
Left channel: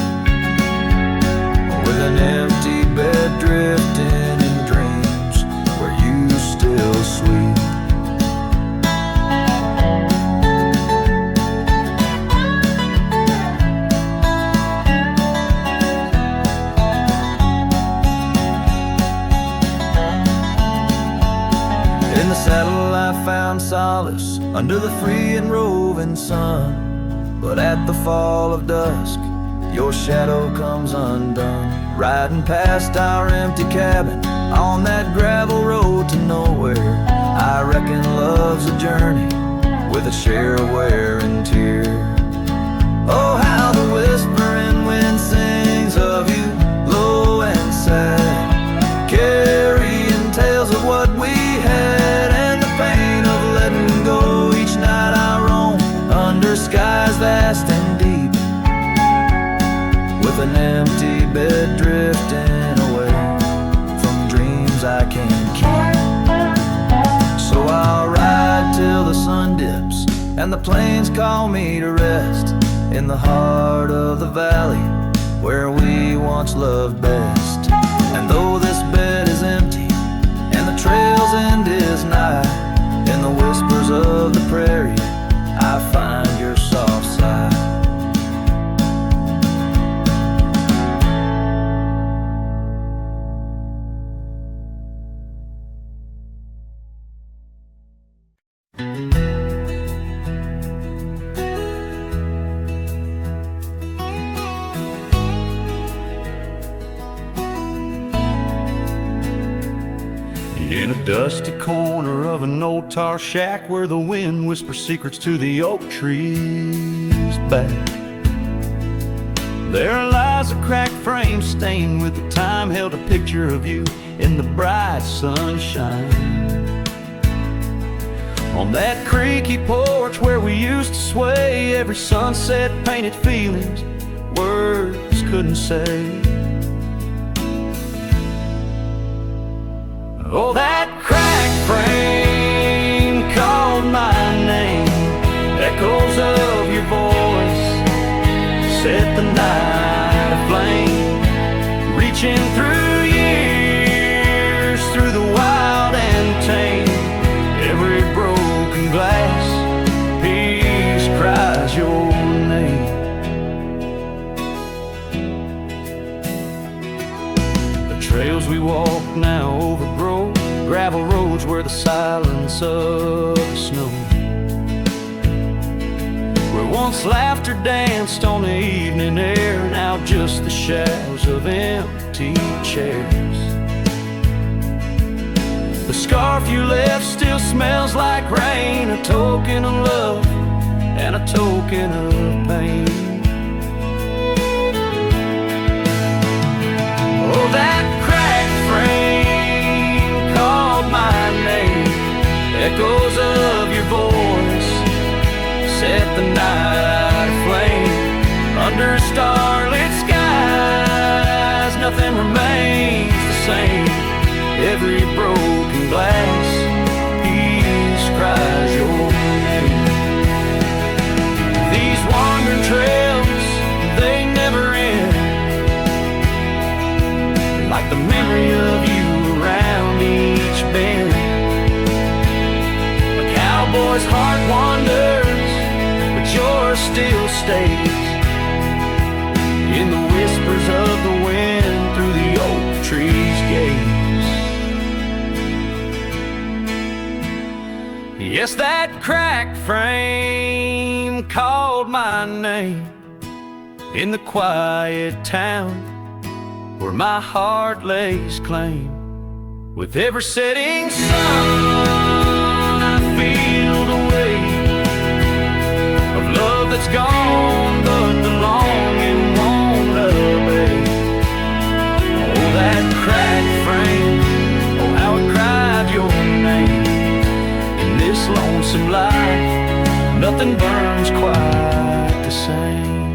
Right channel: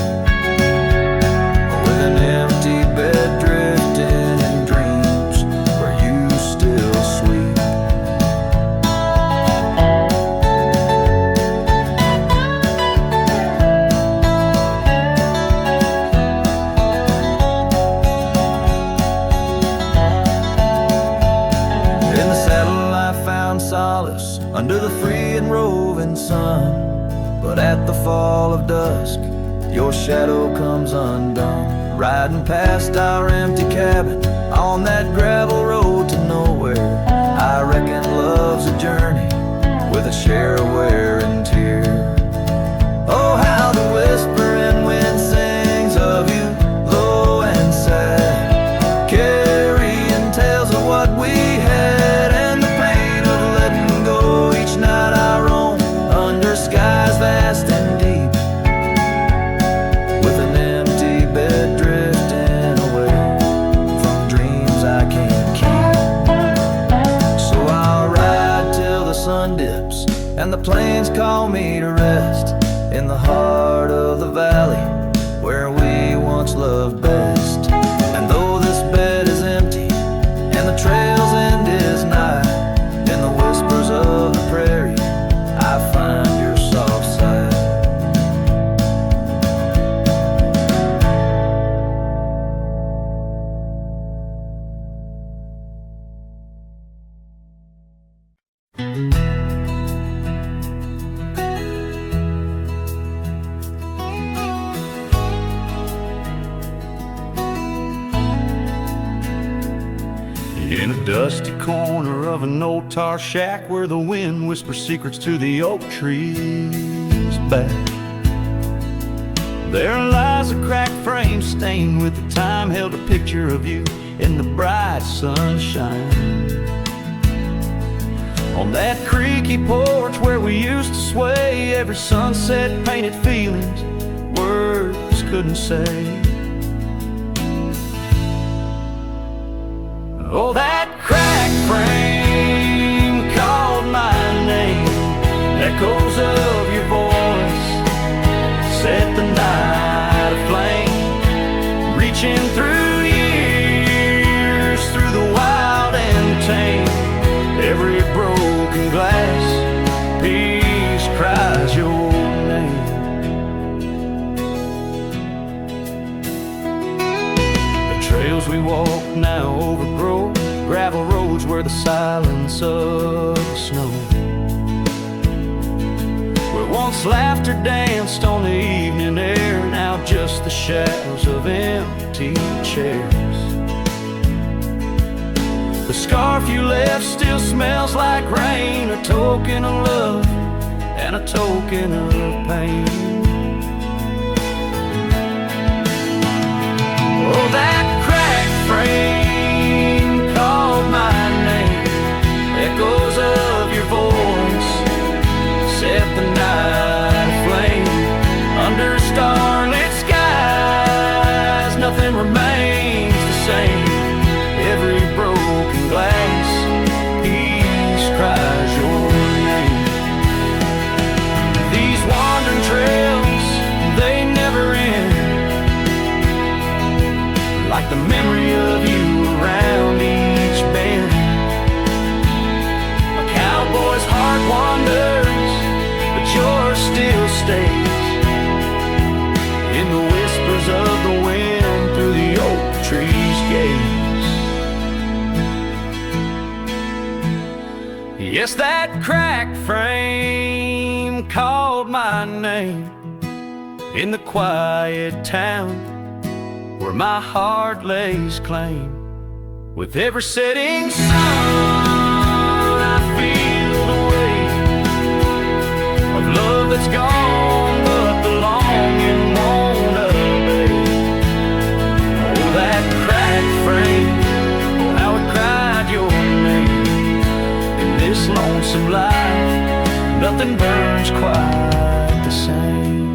with an empty bed drifting in dreams where you still sweet. In the saddle I found solace under the free and roving sun, but at the fall of dusk your shadow comes undone. Riding past our empty cabin on that gravel road to nowhere, I reckon love's a journey with a share of wear and tear. Oh, how the whispering wind sings of you, low and sad, carrying tales of what we had and the pain of letting go. Each night I roam under skies vast and deep, with an empty bed drifting away from dreams I can't keep. So I'll ride till the sun dips and the plains call me to rest in the heart of the valley where we once loved best. And though this bed is empty and the trail's end is nigh, in the whispers of the prairie I find your soft side. In a dusty corner of an old tar shack where the wind whispers secrets to the oak trees back, there lies a cracked frame stained with the time, held a picture of you in the bright sunshine. On that creaky porch where we used to sway, every sunset painted feelings words couldn't say. Oh, that cracked frame called my name, echoes of your voice set the night aflame, reaching through years, through the wild and tame. Every broken glass piece cries your name. Trails we walk now overgrow, gravel roads where the silence of the snow, where once laughter danced on the evening air, now just the shadows of empty chairs. The scarf you left still smells like rain, a token of love and a token of pain. Oh, that frame called my name, echoes of your voice set the night aflame. Under starlit skies nothing remains the same, every broken glass piece cries your name. These wandering trails, they never end, like the memory of you around each bend. A cowboy's heart wanders, but yours still stays in the whispers of the wind through the oak tree's gaze. Yes, that cracked frame called my name in the quiet town where my heart lays claim With every setting sun, I feel the weight of love that's gone, but the longing won't abate. Oh, that cracked frame, oh, how it cried your name. In this lonesome life, nothing burns quite the same.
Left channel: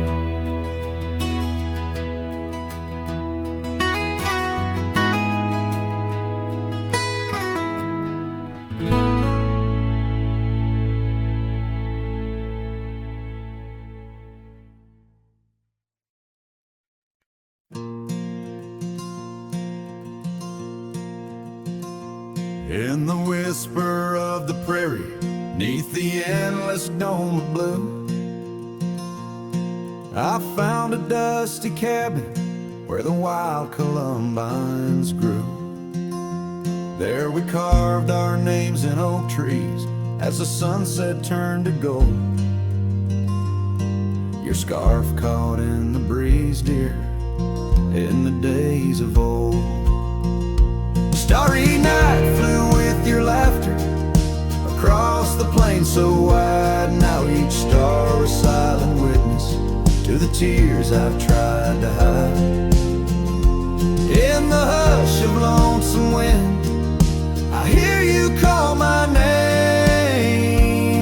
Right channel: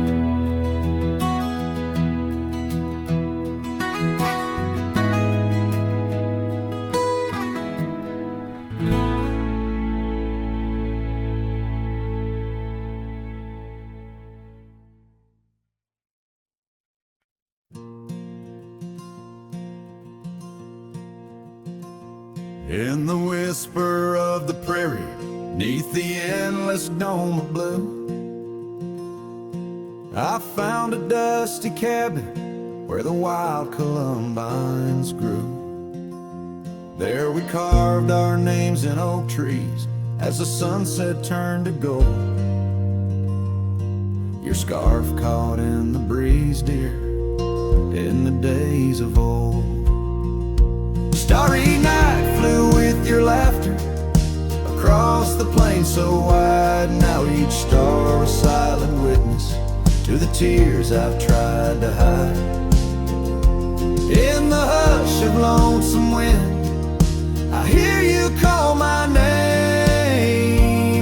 In the whisper of the prairie, neath the endless dome of blue, I found a dusty cabin where the wild columbines grew. There we carved our names in oak trees as the sunset turned to gold. Your scarf caught in the breeze, dear, in the days of old. Starry night flew with your laughter across the plain so wide. Now each star a silent witness to the tears I've tried to hide. In the hush of lonesome wind, I hear you call my name.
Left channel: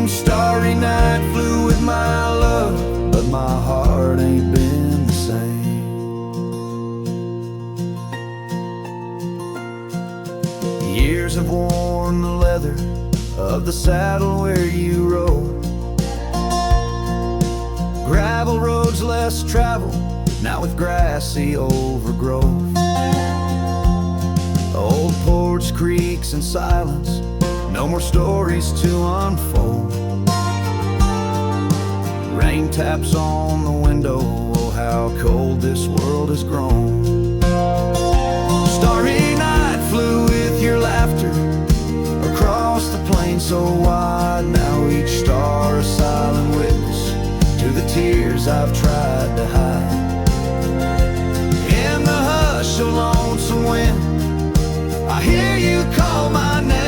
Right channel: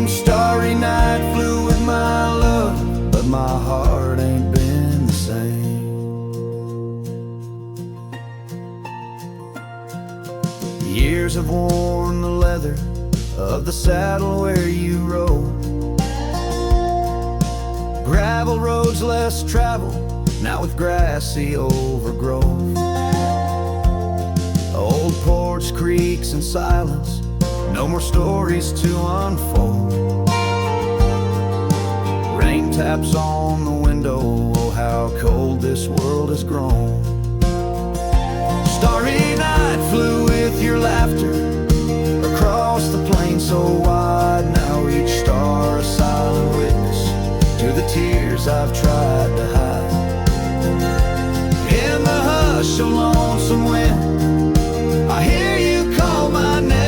Starry night flew with my love, but my heart ain't been the same. Years have worn the leather of the saddle where you rode. Gravel roads less traveled, now with grassy overgrowth. Old porch creaks in silence, no more stories to unfold. Rain taps on the window, oh how cold this world has grown. Starry night flew with your laughter across the plain so wide. Now each star a silent witness to the tears I've tried to hide. In the hush of lonesome wind, I hear you call my name.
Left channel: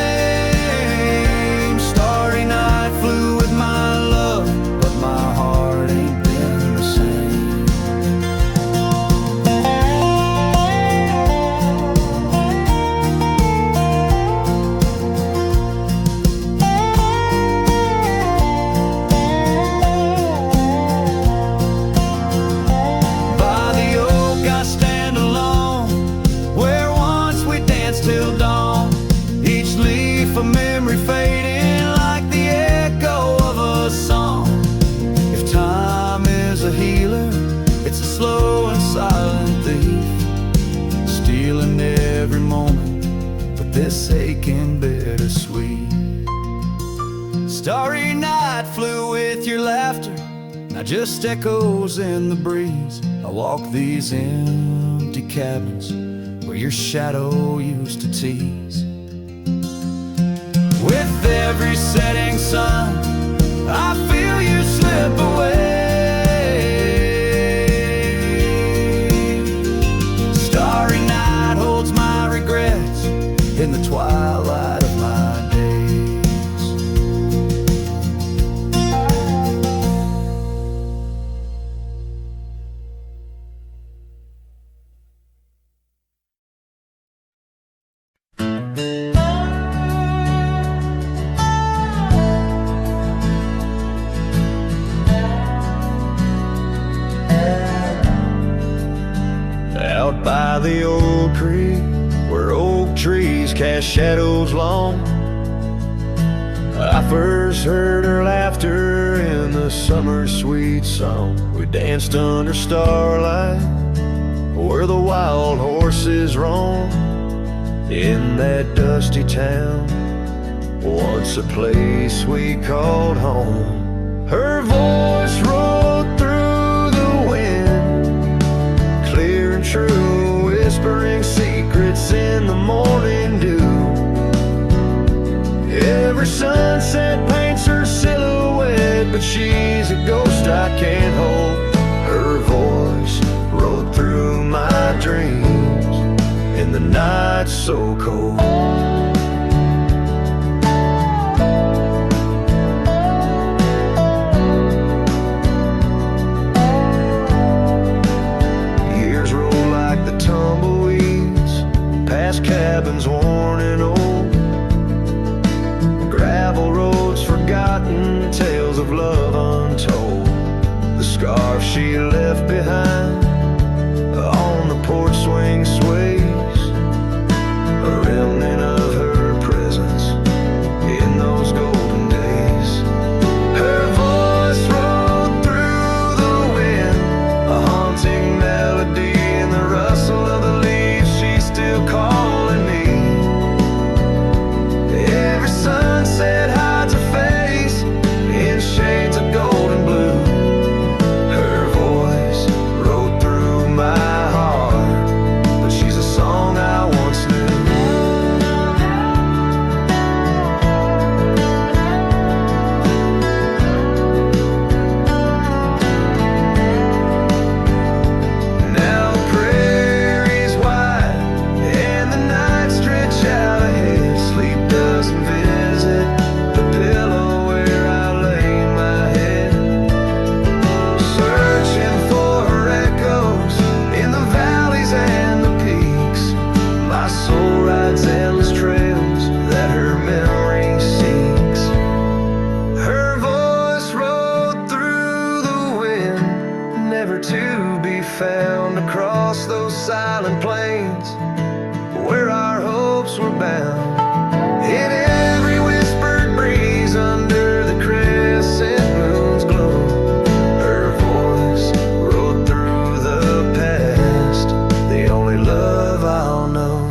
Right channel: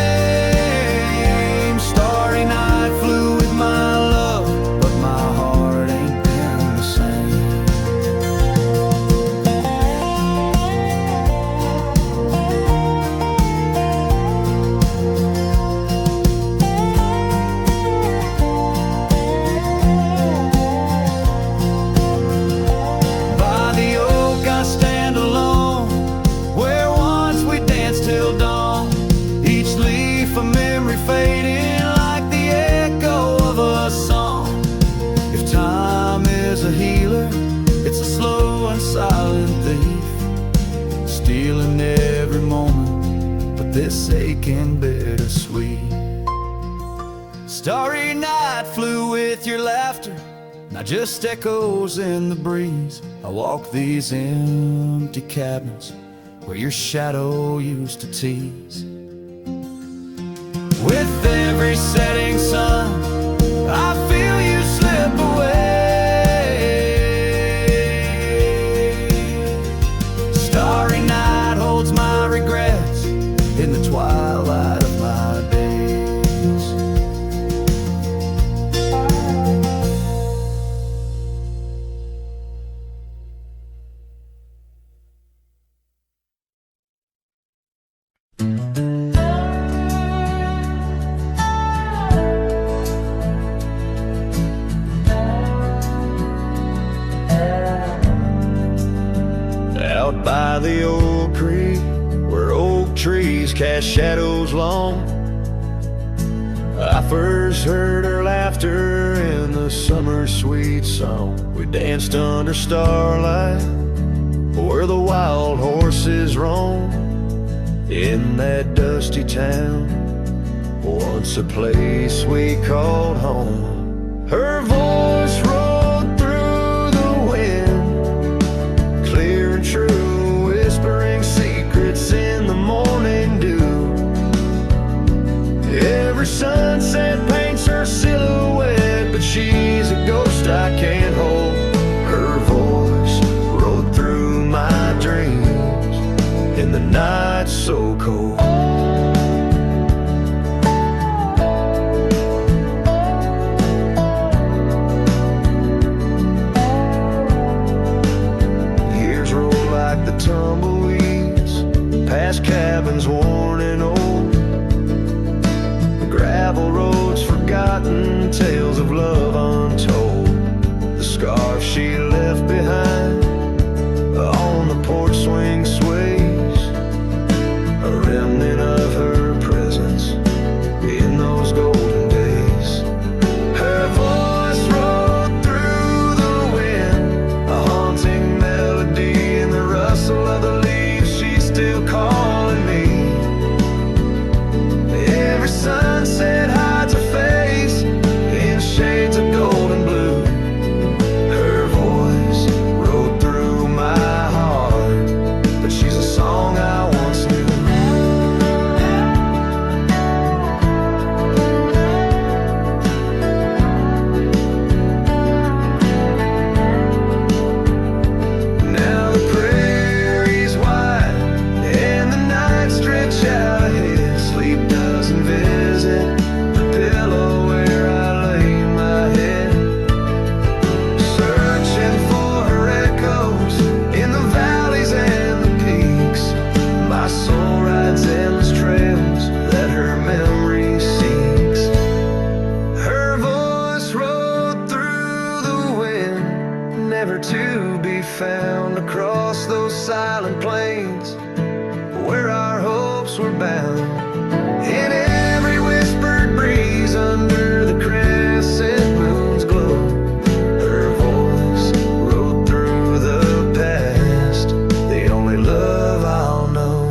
Starry night flew with my love, but my heart ain't been the same. Till dawn, each leaf a memory fading like the echo of a song. If time is a healer, it's a slow and silent thief, stealing every moment, but this aching bittersweet. Starry night flew with your laughter, now just echoes in the breeze. I walk these empty cabins where your shadow used to tease. With every setting sun, I feel you slip away. Starry night holds my regrets in the twilight of my days. Out by the old creek, where oak trees cast shadows long, I first heard her laughter in the summer's sweet song. We danced under starlight, where the wild horses roam. In that dusty town, once a place we called home. Her voice rolled through the wind, clear and true, whispering secrets in the morning dew. Every sunset paints her silhouette, but she's a ghost I can't hold. Her voice rode through my dreams in the night so cold. Years roll like the tumbleweeds, past cabins worn and old, gravel roads forgotten, tales of love untold. The scarf she left behind on the porch swing sways, a remnant of her presence in those golden days. Her voice rode through the wind, a haunting melody in the rustle of the leaves. She's still calling me. Every sunset hides a face in shades of gold and blue. Her voice rode through my heart, but she's a song I once knew. Now the prairie's wide and the night stretch out ahead. Sleep doesn't visit the pillow where I lay my head, searching for her echoes in the valleys and the peaks. My soul rides endless trails that her memory seeks. Her voice rode through the wind, never to be found across those silent plains where our hopes were bound. In every whispered breeze under the crescent moon's glow, her voice rode through the past, the only love I'll know.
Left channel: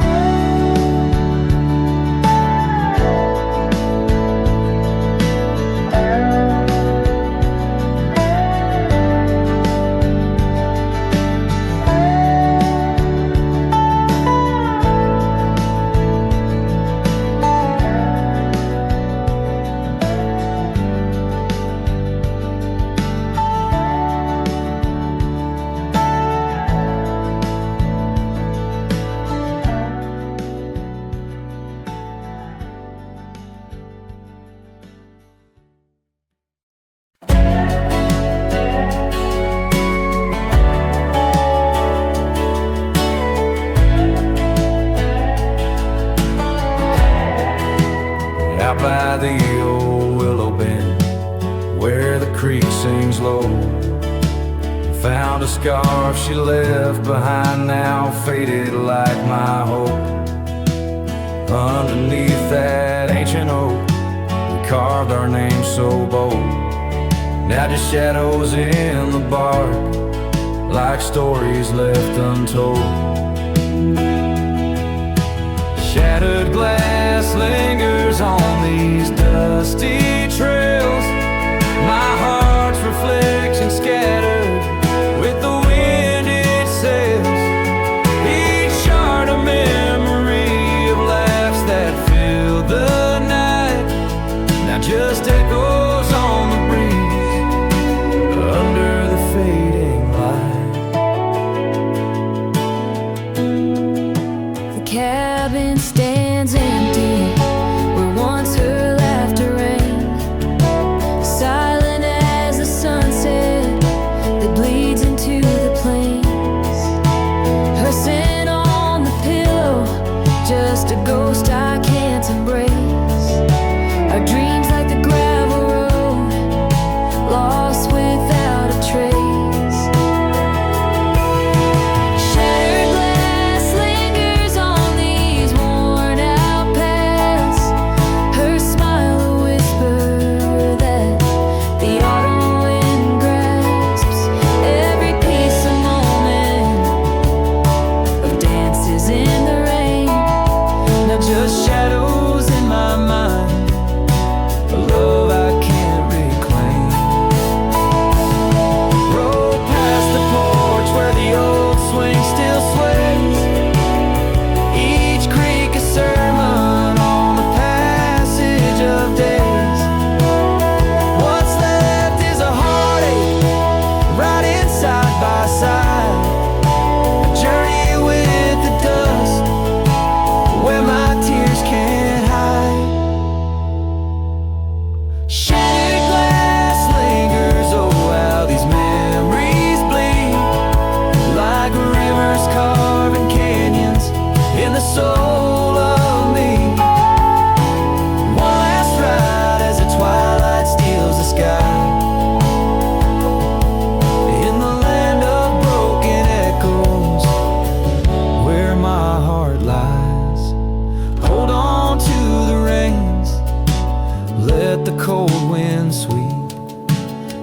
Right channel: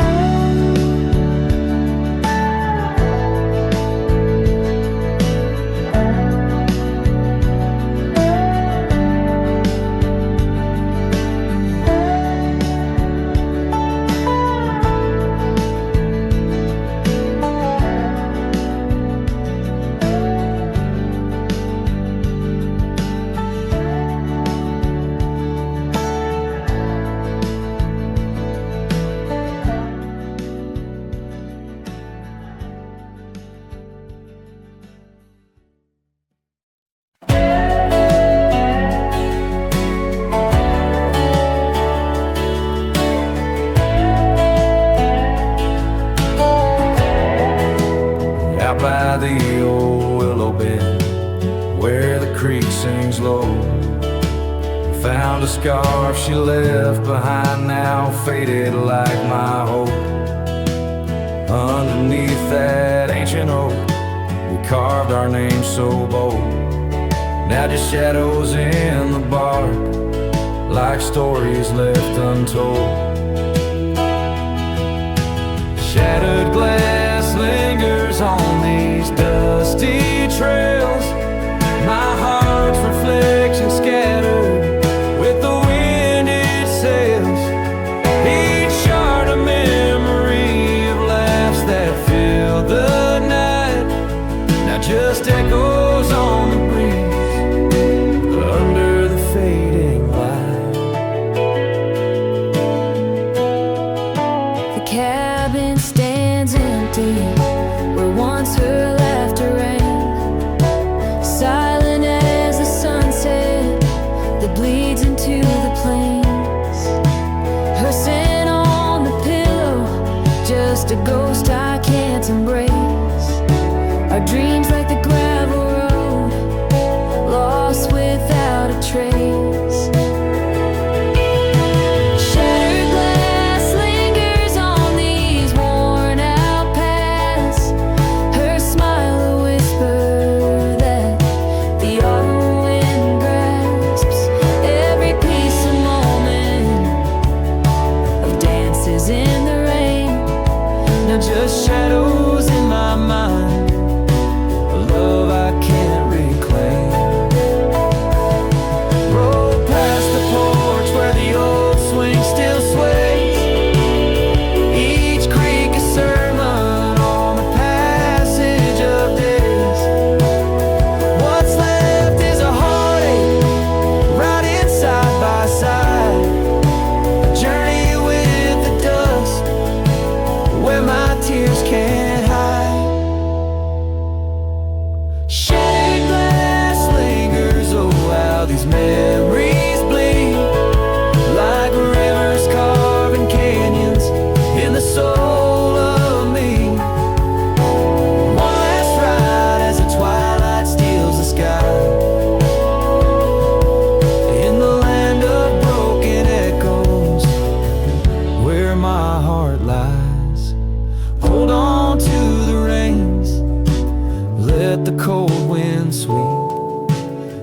Out by the old willow bend where the creek sings low, found a scarf she left behind, now faded like my hope. Underneath that ancient oak, we carved our names so bold. Now just shadows in the bark, like stories left untold. Shattered glass lingers on these dusty trails, my heart's reflection scattered with the wind it sails. Each shard a memory of laughs that filled the night, now just echoes on the breeze under the fading light. The cabin stands empty where once her laughter rang, silent as the sunset that bleeds into the plains. Her scent on the pillow, just a ghost I can't embrace. Our dreams like the gravel road, lost without a trace. Shattered glass lingers on these worn out paths, her smile a whisper that the autumn wind grasps. Every piece a moment of dances in the rain, now just shadows in my mind, a love I can't reclaim. Roll past the porch where the old swing still sways, each creek a sermon on the passage of days. What's left is a heartache, riding side by side, a journey with the dust where my tears can't hide. Shattered glass lingers, oh how these memories bleed, like rivers carving canyons in the soul of me. One last ride as the twilight steals the sky, in the land of broken echoes, where my heart lies. Hold on to the reins, let the cold wind sweep.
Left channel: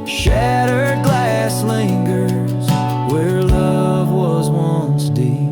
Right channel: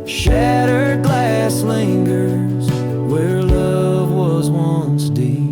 Shattered glass lingers, where love was once deep.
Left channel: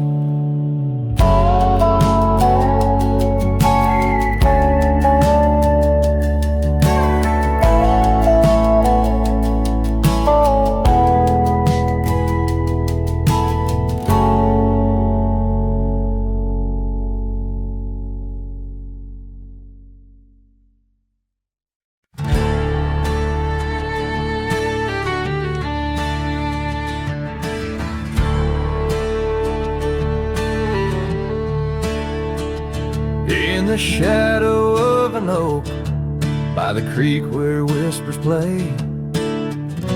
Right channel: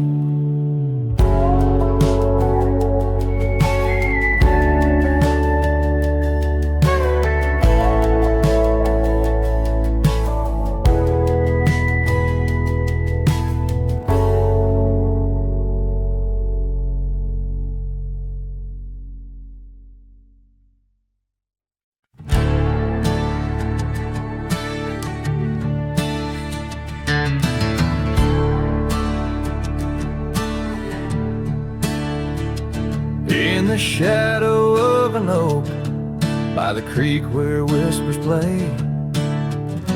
In the shadow of an oak, by the creek where whispers play,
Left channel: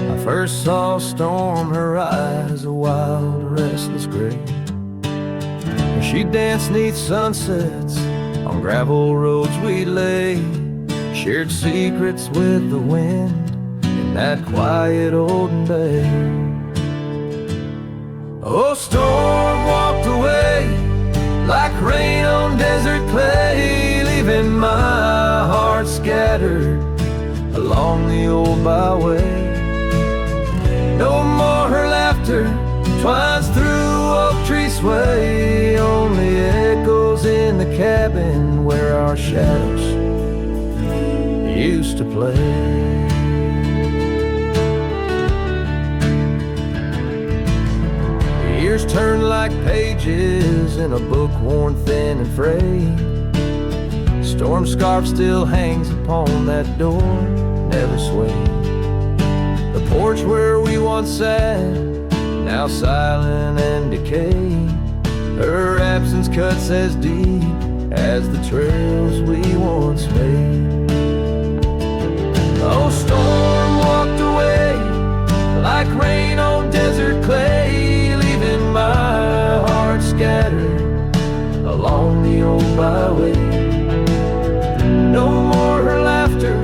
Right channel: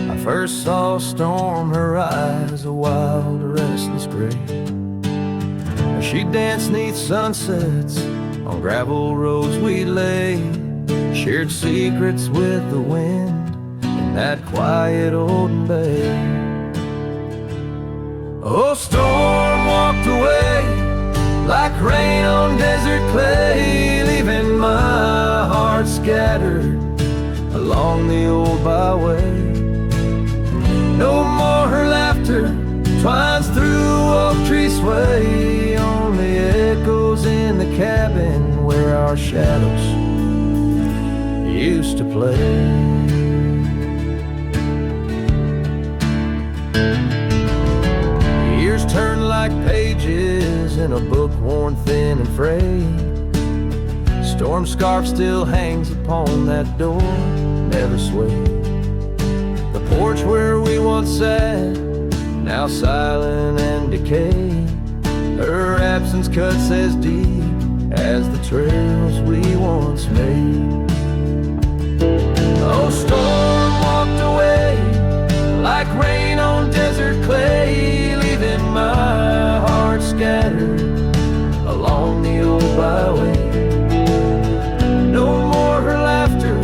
I first saw a storm, her eyes a wild, restless gray. And she danced 'neath sunsets, on gravel roads we lay, shared secrets with the wind in that quiet olden bay. Oh, storm walked away like rain on desert clay, leaving my heart scattered along the old byway. No more her laughter twines through oak tree sway, only echoes in the cabin where our shadows used to play. Years turn like pages in a book worn thin and frayed. Storm scarf still hangs upon that door, never swayed. The porch where we once sat, now silent and decayed. Her absence cuts as deep as the trails we once made. Oh, storm walked away like rain on desert clay, leaving my heart scattered along the old byway. No more her laughter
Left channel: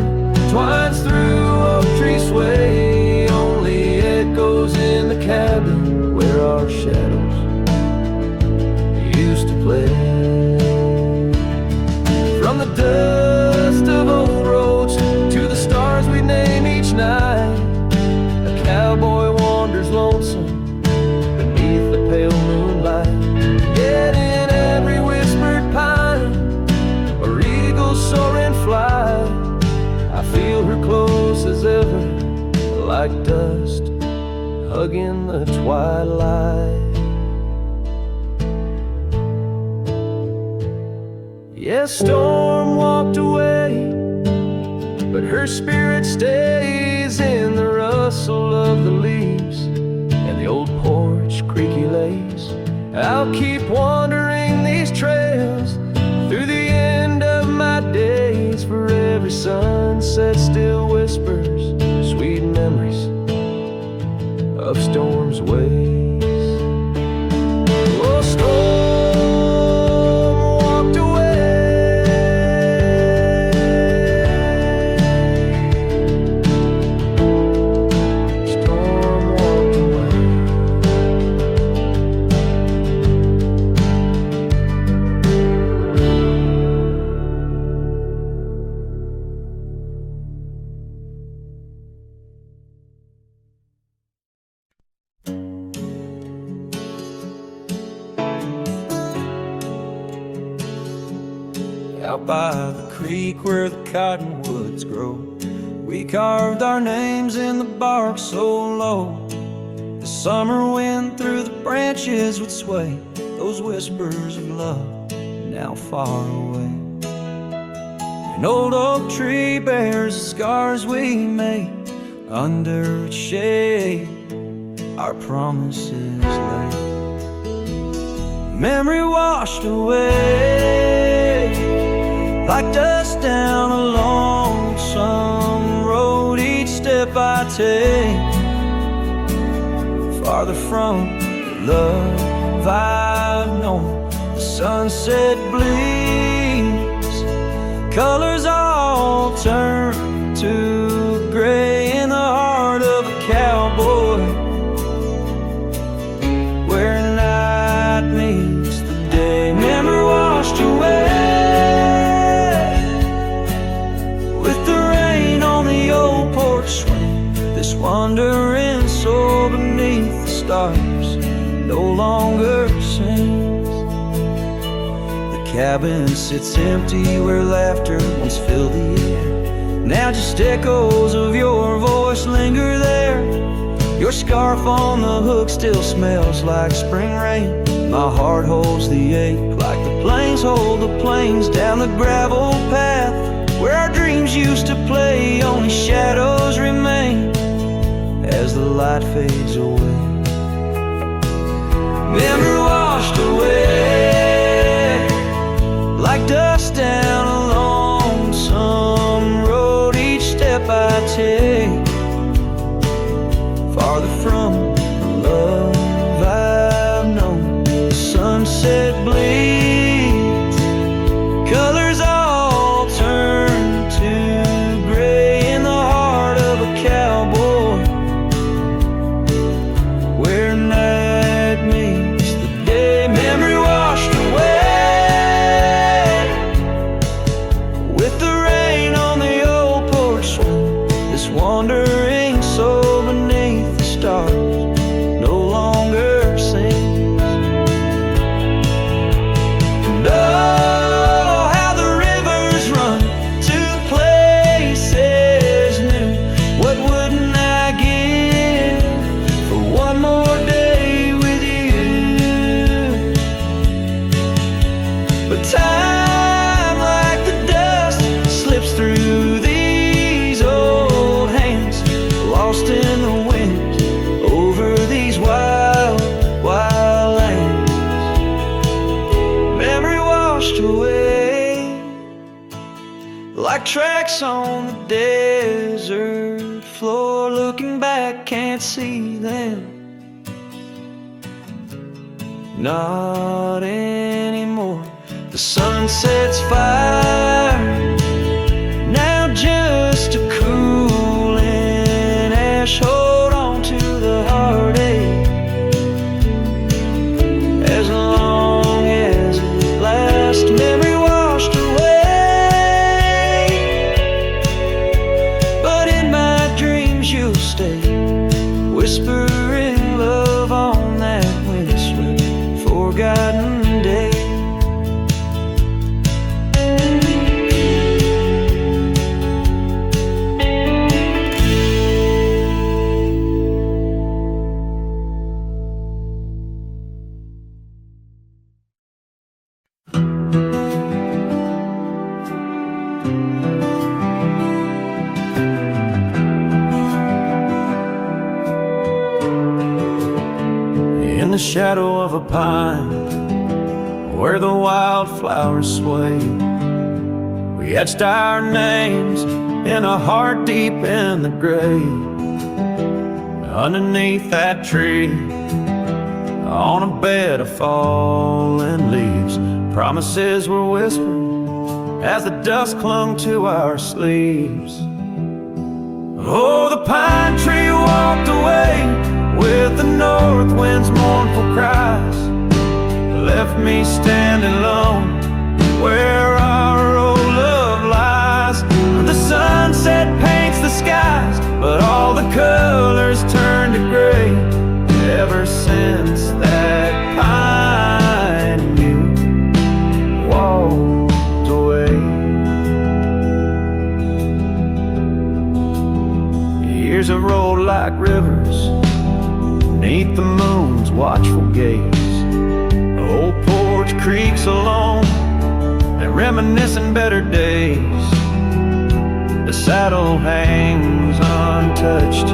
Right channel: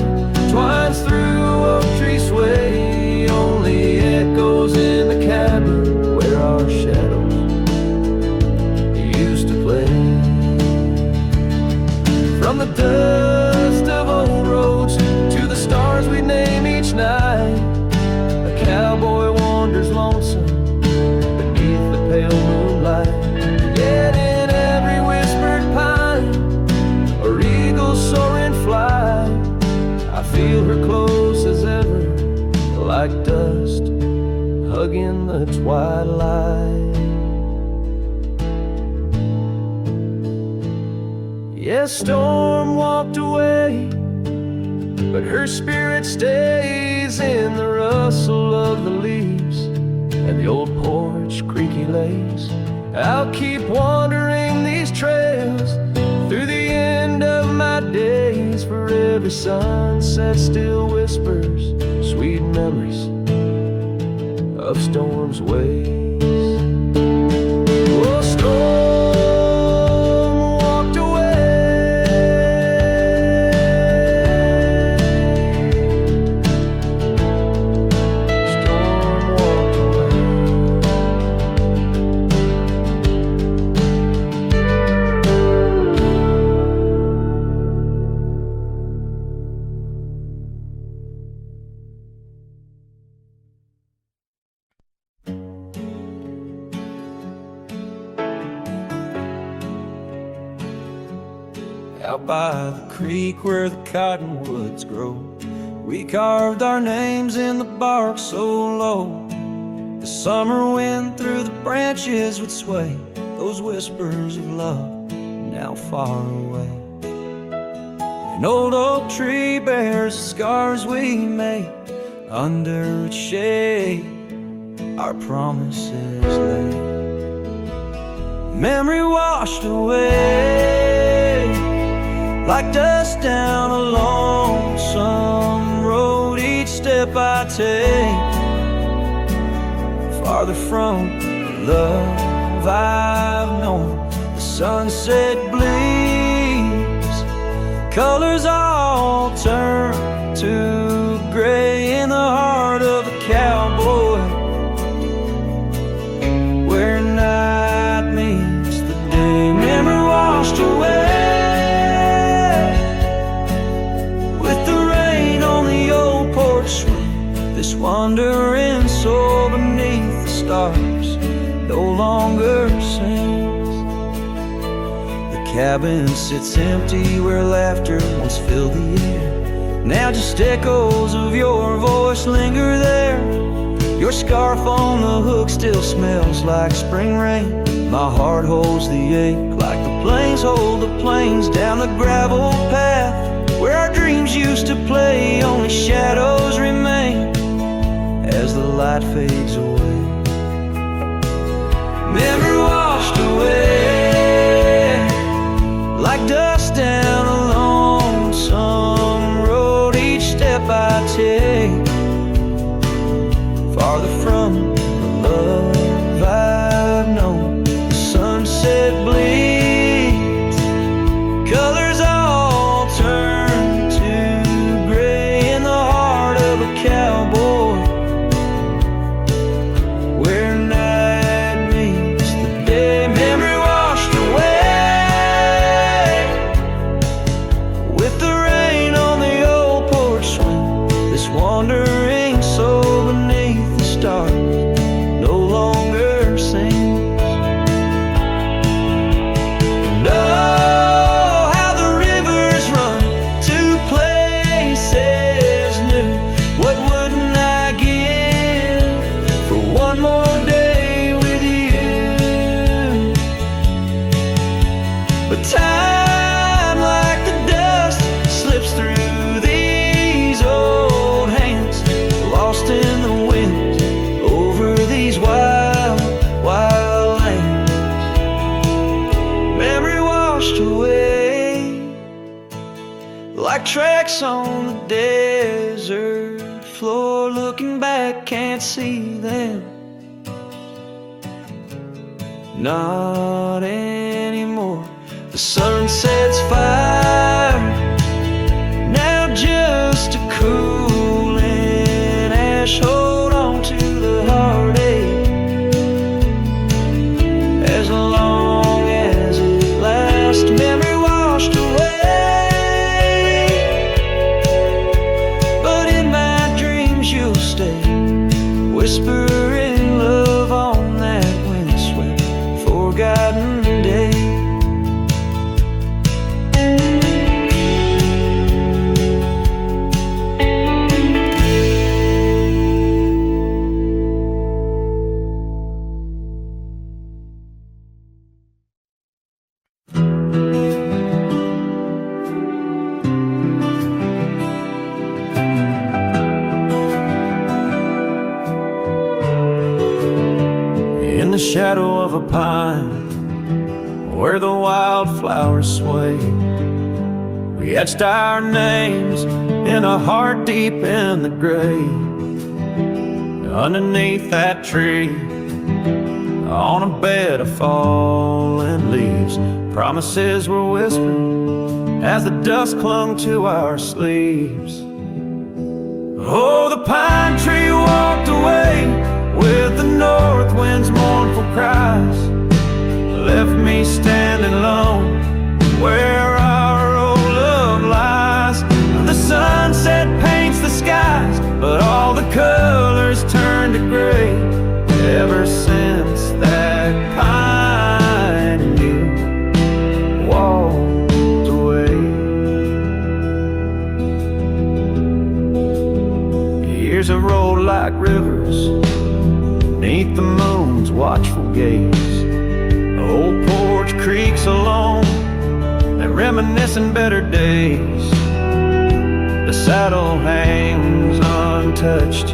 twines through oak tree sway, only echoes in the cabin where our shadows used to play. From the dust of old roads to the stars we name each night, a cowboy wanders lonesome beneath the pale moonlight. Yet in every whispered pine or eagle soaring fly, I feel her close as ever, like dust hugging the twilight. Yes, storm walked away, but her spirit stays in the rustle of the leaves and the old porch creaky lays. I'll keep wandering these trails through the end of my days, for every sunset still whispers sweet memories of storm's ways. Oh, storm walked away, storm walked away. Out by the creek where the cottonwoods grow, we carved our names in the bark so low, the summer wind through the branches would sway those whispers of love now far away. An old oak tree bears the scars we made, under its shade our promises lay. Memory washed away, like dust down a lonesome road. Each step I take, farther from the love I've known. The sunset bleeds, colors all turn to gray in the heart of a cowboy, where night meets the day. Memory washed away with the rain on the old porch swing. This wandering soul beneath the stars no longer sings. The cabin sits empty where laughter once filled the air. Now just echoes of your voice linger there. Your scarf on the hook still smells like spring rain. My heart holds the ache like the plains hold the plains down the gravel path where our dreams used to play. Only shadows remain as the light fades away. Memory washed away like dust down a lonesome road. Each step I take, farther from the love I've known. The sunset bleeds, colors all turn to gray in the heart of a cowboy, where night meets the day. Memory washed away with the rain on the old porch swing. This wandering soul beneath the stars no longer sings. And oh, how the rivers run to places new. What wouldn't I give for one more day with you? But time, like the dust, slips through these old hands, lost in the wind over these wild, wild lands. Memory washed away like tracks on the desert floor. Looking back, can't see them, not anymore. The sunset's fire, now just a cooling ash. Hold on to the heartache as long as it lasts. Memory washed away, but in my dreams you'll stay, whispering love on that windswept forgotten day. In the shadow of a pine, where the wildflowers sway, we etched our names in a heart deep in the grave. Underneath that tree, on a bed of fallen leaves, promises were whispered as the dust clung to our sleeves. Oh, the pine tree walked away with the north wind's mournful cries, left me standing alone where our old love lies. The sunset paints the skies, but all the colors turn to gray ever since that pine and you walked away. Years have rolled like rivers beneath the moon's watchful gaze. Old porch creaks alone and reminiscing better days. The saddle hangs untouched,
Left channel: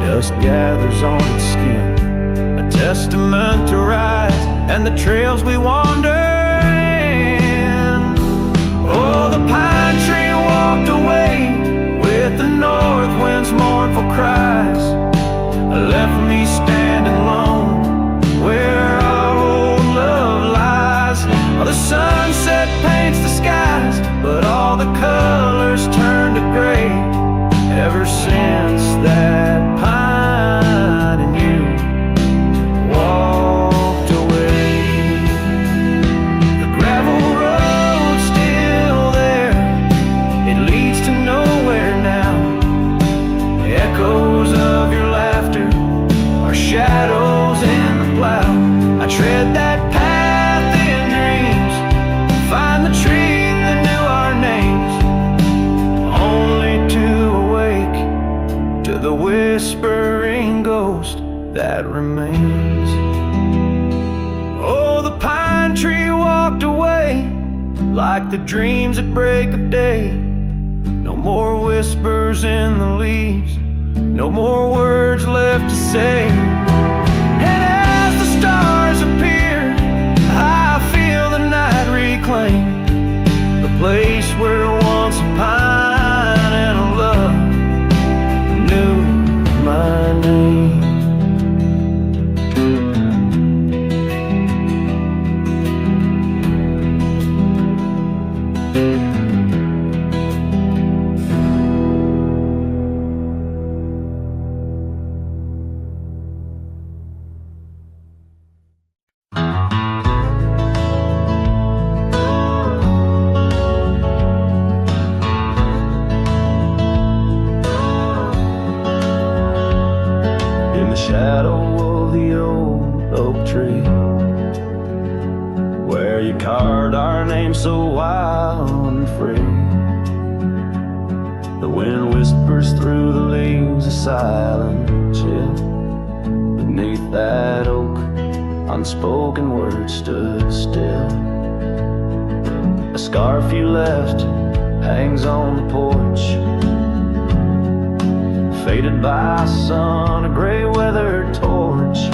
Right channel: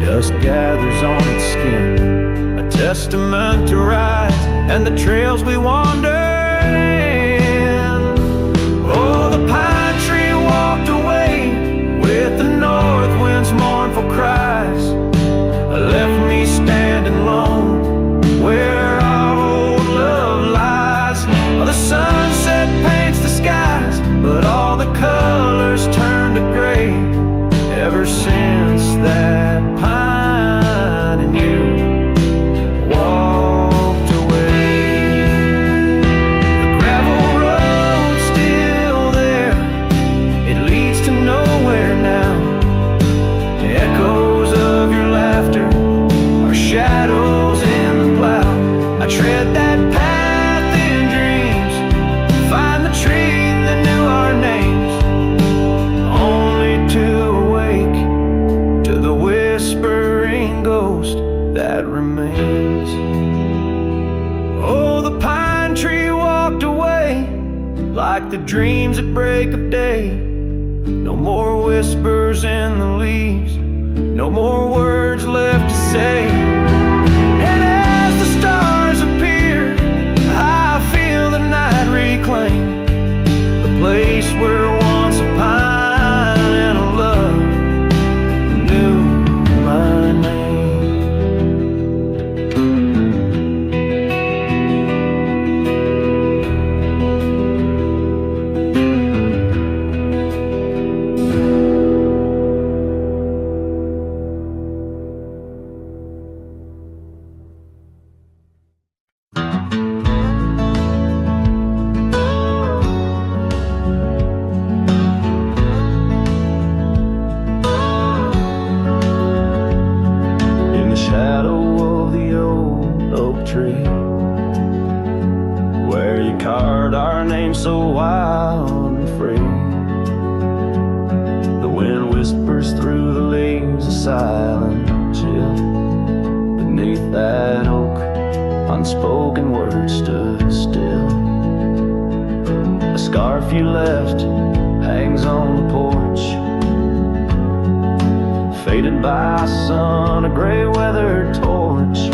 dust gathers on its skin, a testament to ride and the trails we wander in. Oh, walked away with the north wind's mournful cries, left me standing alone where our old love lies. The sunset paints the skies, but all the colors turn to gray ever since that pine and you walked away. The gravel road's still there, it leads to nowhere now. Echoes of your laughter are shadows in the plow. I tread that path in dreams, find the tree that knew our names, only to awake to the whispering ghost that remains. Oh, the pine tree walked away like the dreams at break of day. No more whispers in the leaves, no more words left to say. And as the stars appear, I feel the night reclaim the place where once a pine and a love knew my name. Shadow of the old oak tree, where you carved our name so wild and free. The wind whispers through the leaves, a silent chill. Beneath that oak, unspoken words stood still. A scarf you left hangs on the porch, faded by sun, a gray weathered torch,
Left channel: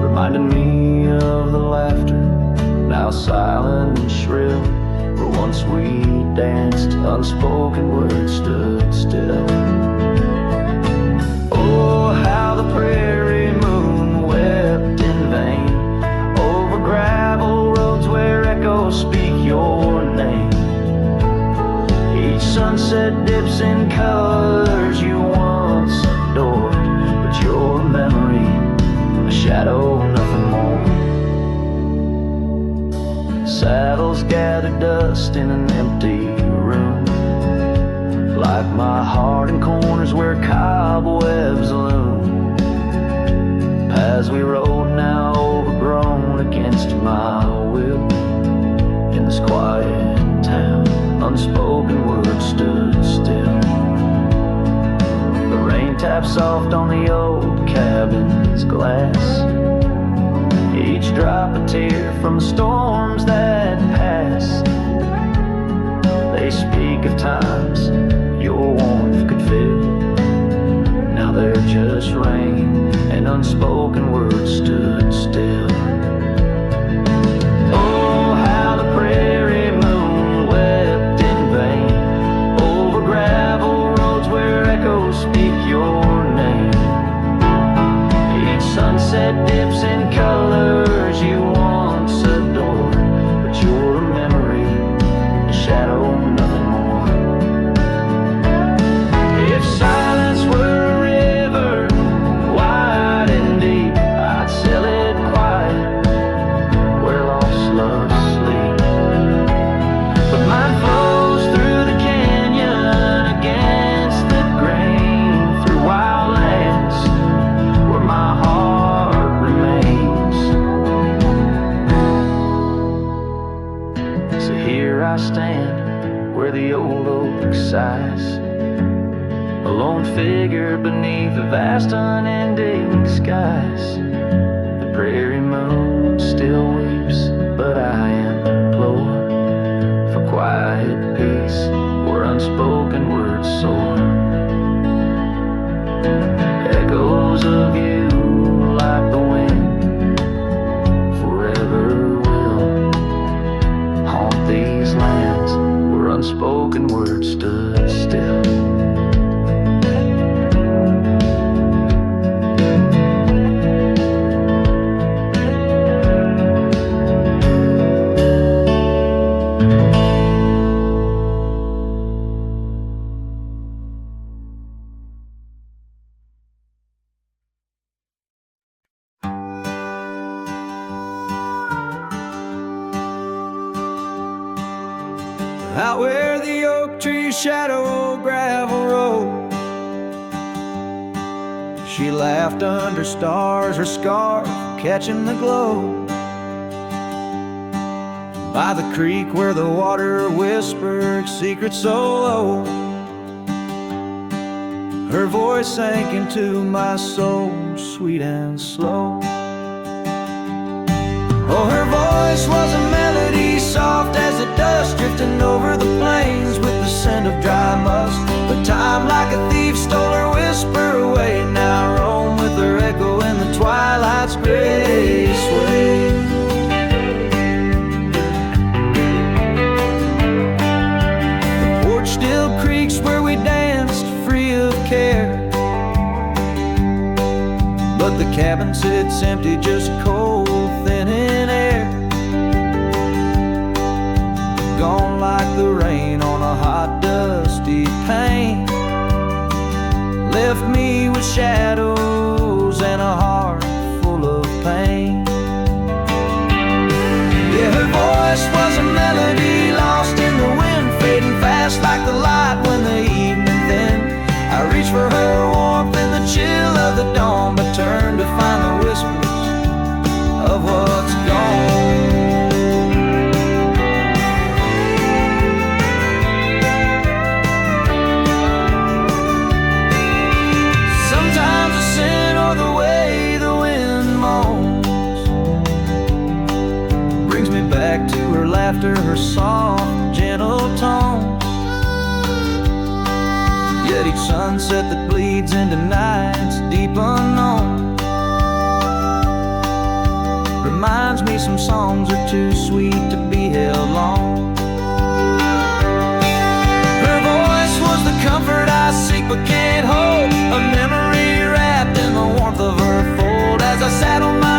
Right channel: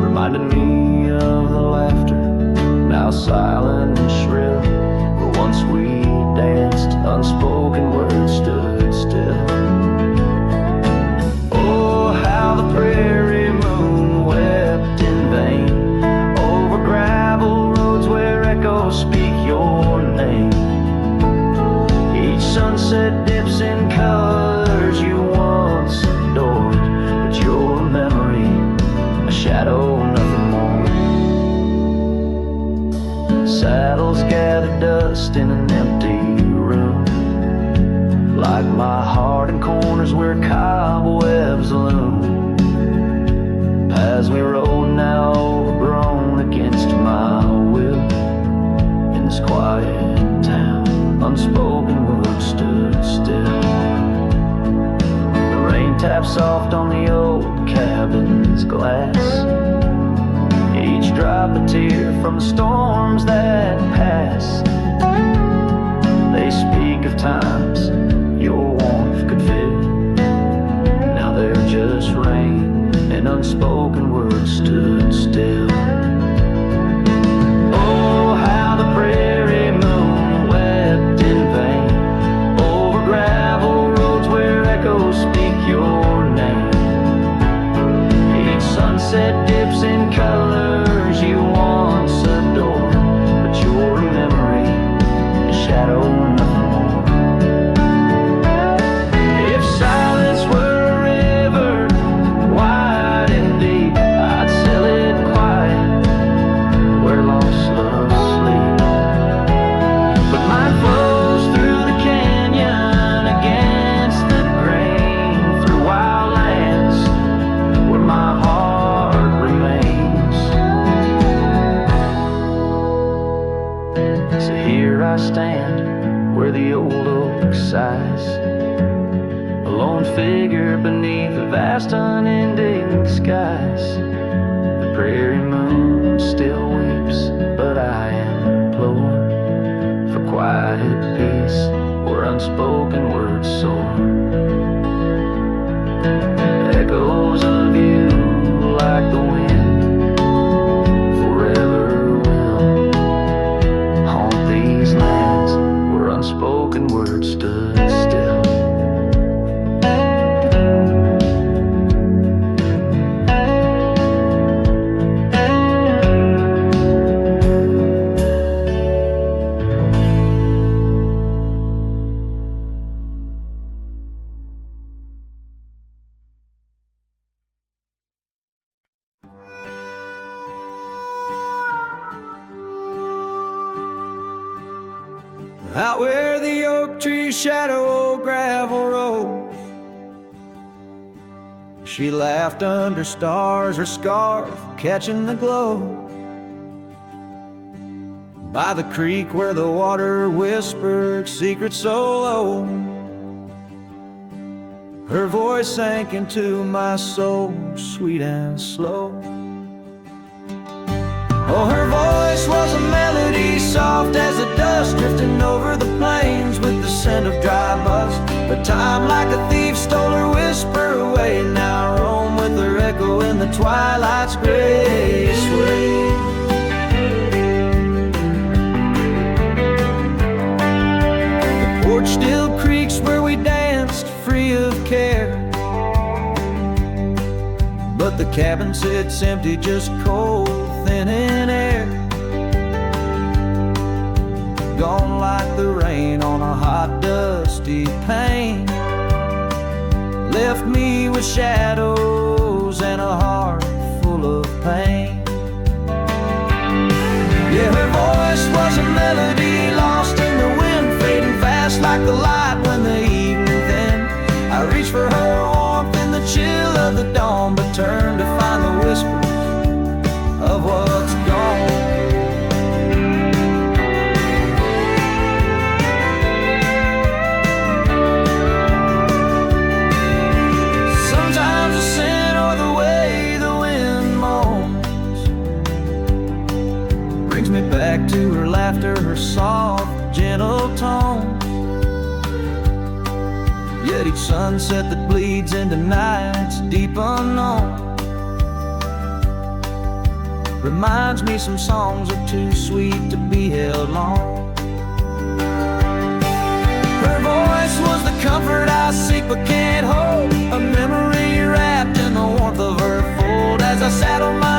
reminding me of the laughter, now silent and shrill, where once we danced, unspoken words stood still. Oh, how the prairie moon wept in vain over gravel roads where echoes speak your name. Each sunset dips in colors you once adored, but your memory, a shadow, nothing more. Saddles gather dust in an empty room, like my heart in corners where cobwebs loom. Paths we rode now overgrown against my will. In this quiet town, unspoken words stood still. The rain taps soft on the old cabin's glass, each drop a tear from the storms that pass. They speak of times your warmth could fill, now they're just rain and unspoken words stood still. Oh, how the prairie moon wept in vain over gravel roads where echoes speak your name. Each sunset dips in colors you once adored, but your memory, a shadow, nothing more. If silence were a river, wide and deep, I'd sail it quiet where lost loves sleep. But mine flows through the canyon against the grain, through wild lands where my heart remains. So here I stand where the old oak sighs, a lone figure beneath the vast unending skies. The prairie moon still weeps, but I implore for quiet peace where unspoken words soar. Echoes of you like the wind forever will haunt these lands where unspoken spoken word stood still. Out where the oak trees shadow old gravel road, she laughed under stars, her scarf catching the glow. By the creek where the water whispered secrets so low, her voice sank into my soul, sweet and slow. Oh, her voice was a melody, soft as the dust drifting over the plains with the scent of dry musk. But time like a thief stole her whisper away. Now I roam with her echo in the twilight's gray sway. The porch still creaks where we danced free of care, but the cabin sits empty, just cold, thin in air. Gone like the rain on a hot, dusty pane. Left me with shadows and a heart full of pain. Yeah, her voice was a melody lost in the wind, fading fast like the light when the evening thinned. I reach for her warmth in the chill of the dawn, but turn to find the whispers of what's gone. Sometimes the scent or the way the wind moans brings me back to her laughter, her soft, gentle tone. Yet each sunset that bleeds into nights deep unknown reminds me some songs are too sweet to be held long. Her voice was the comfort I seek but can't hold, a memory wrapped in the warmth of her fold. As I sat on my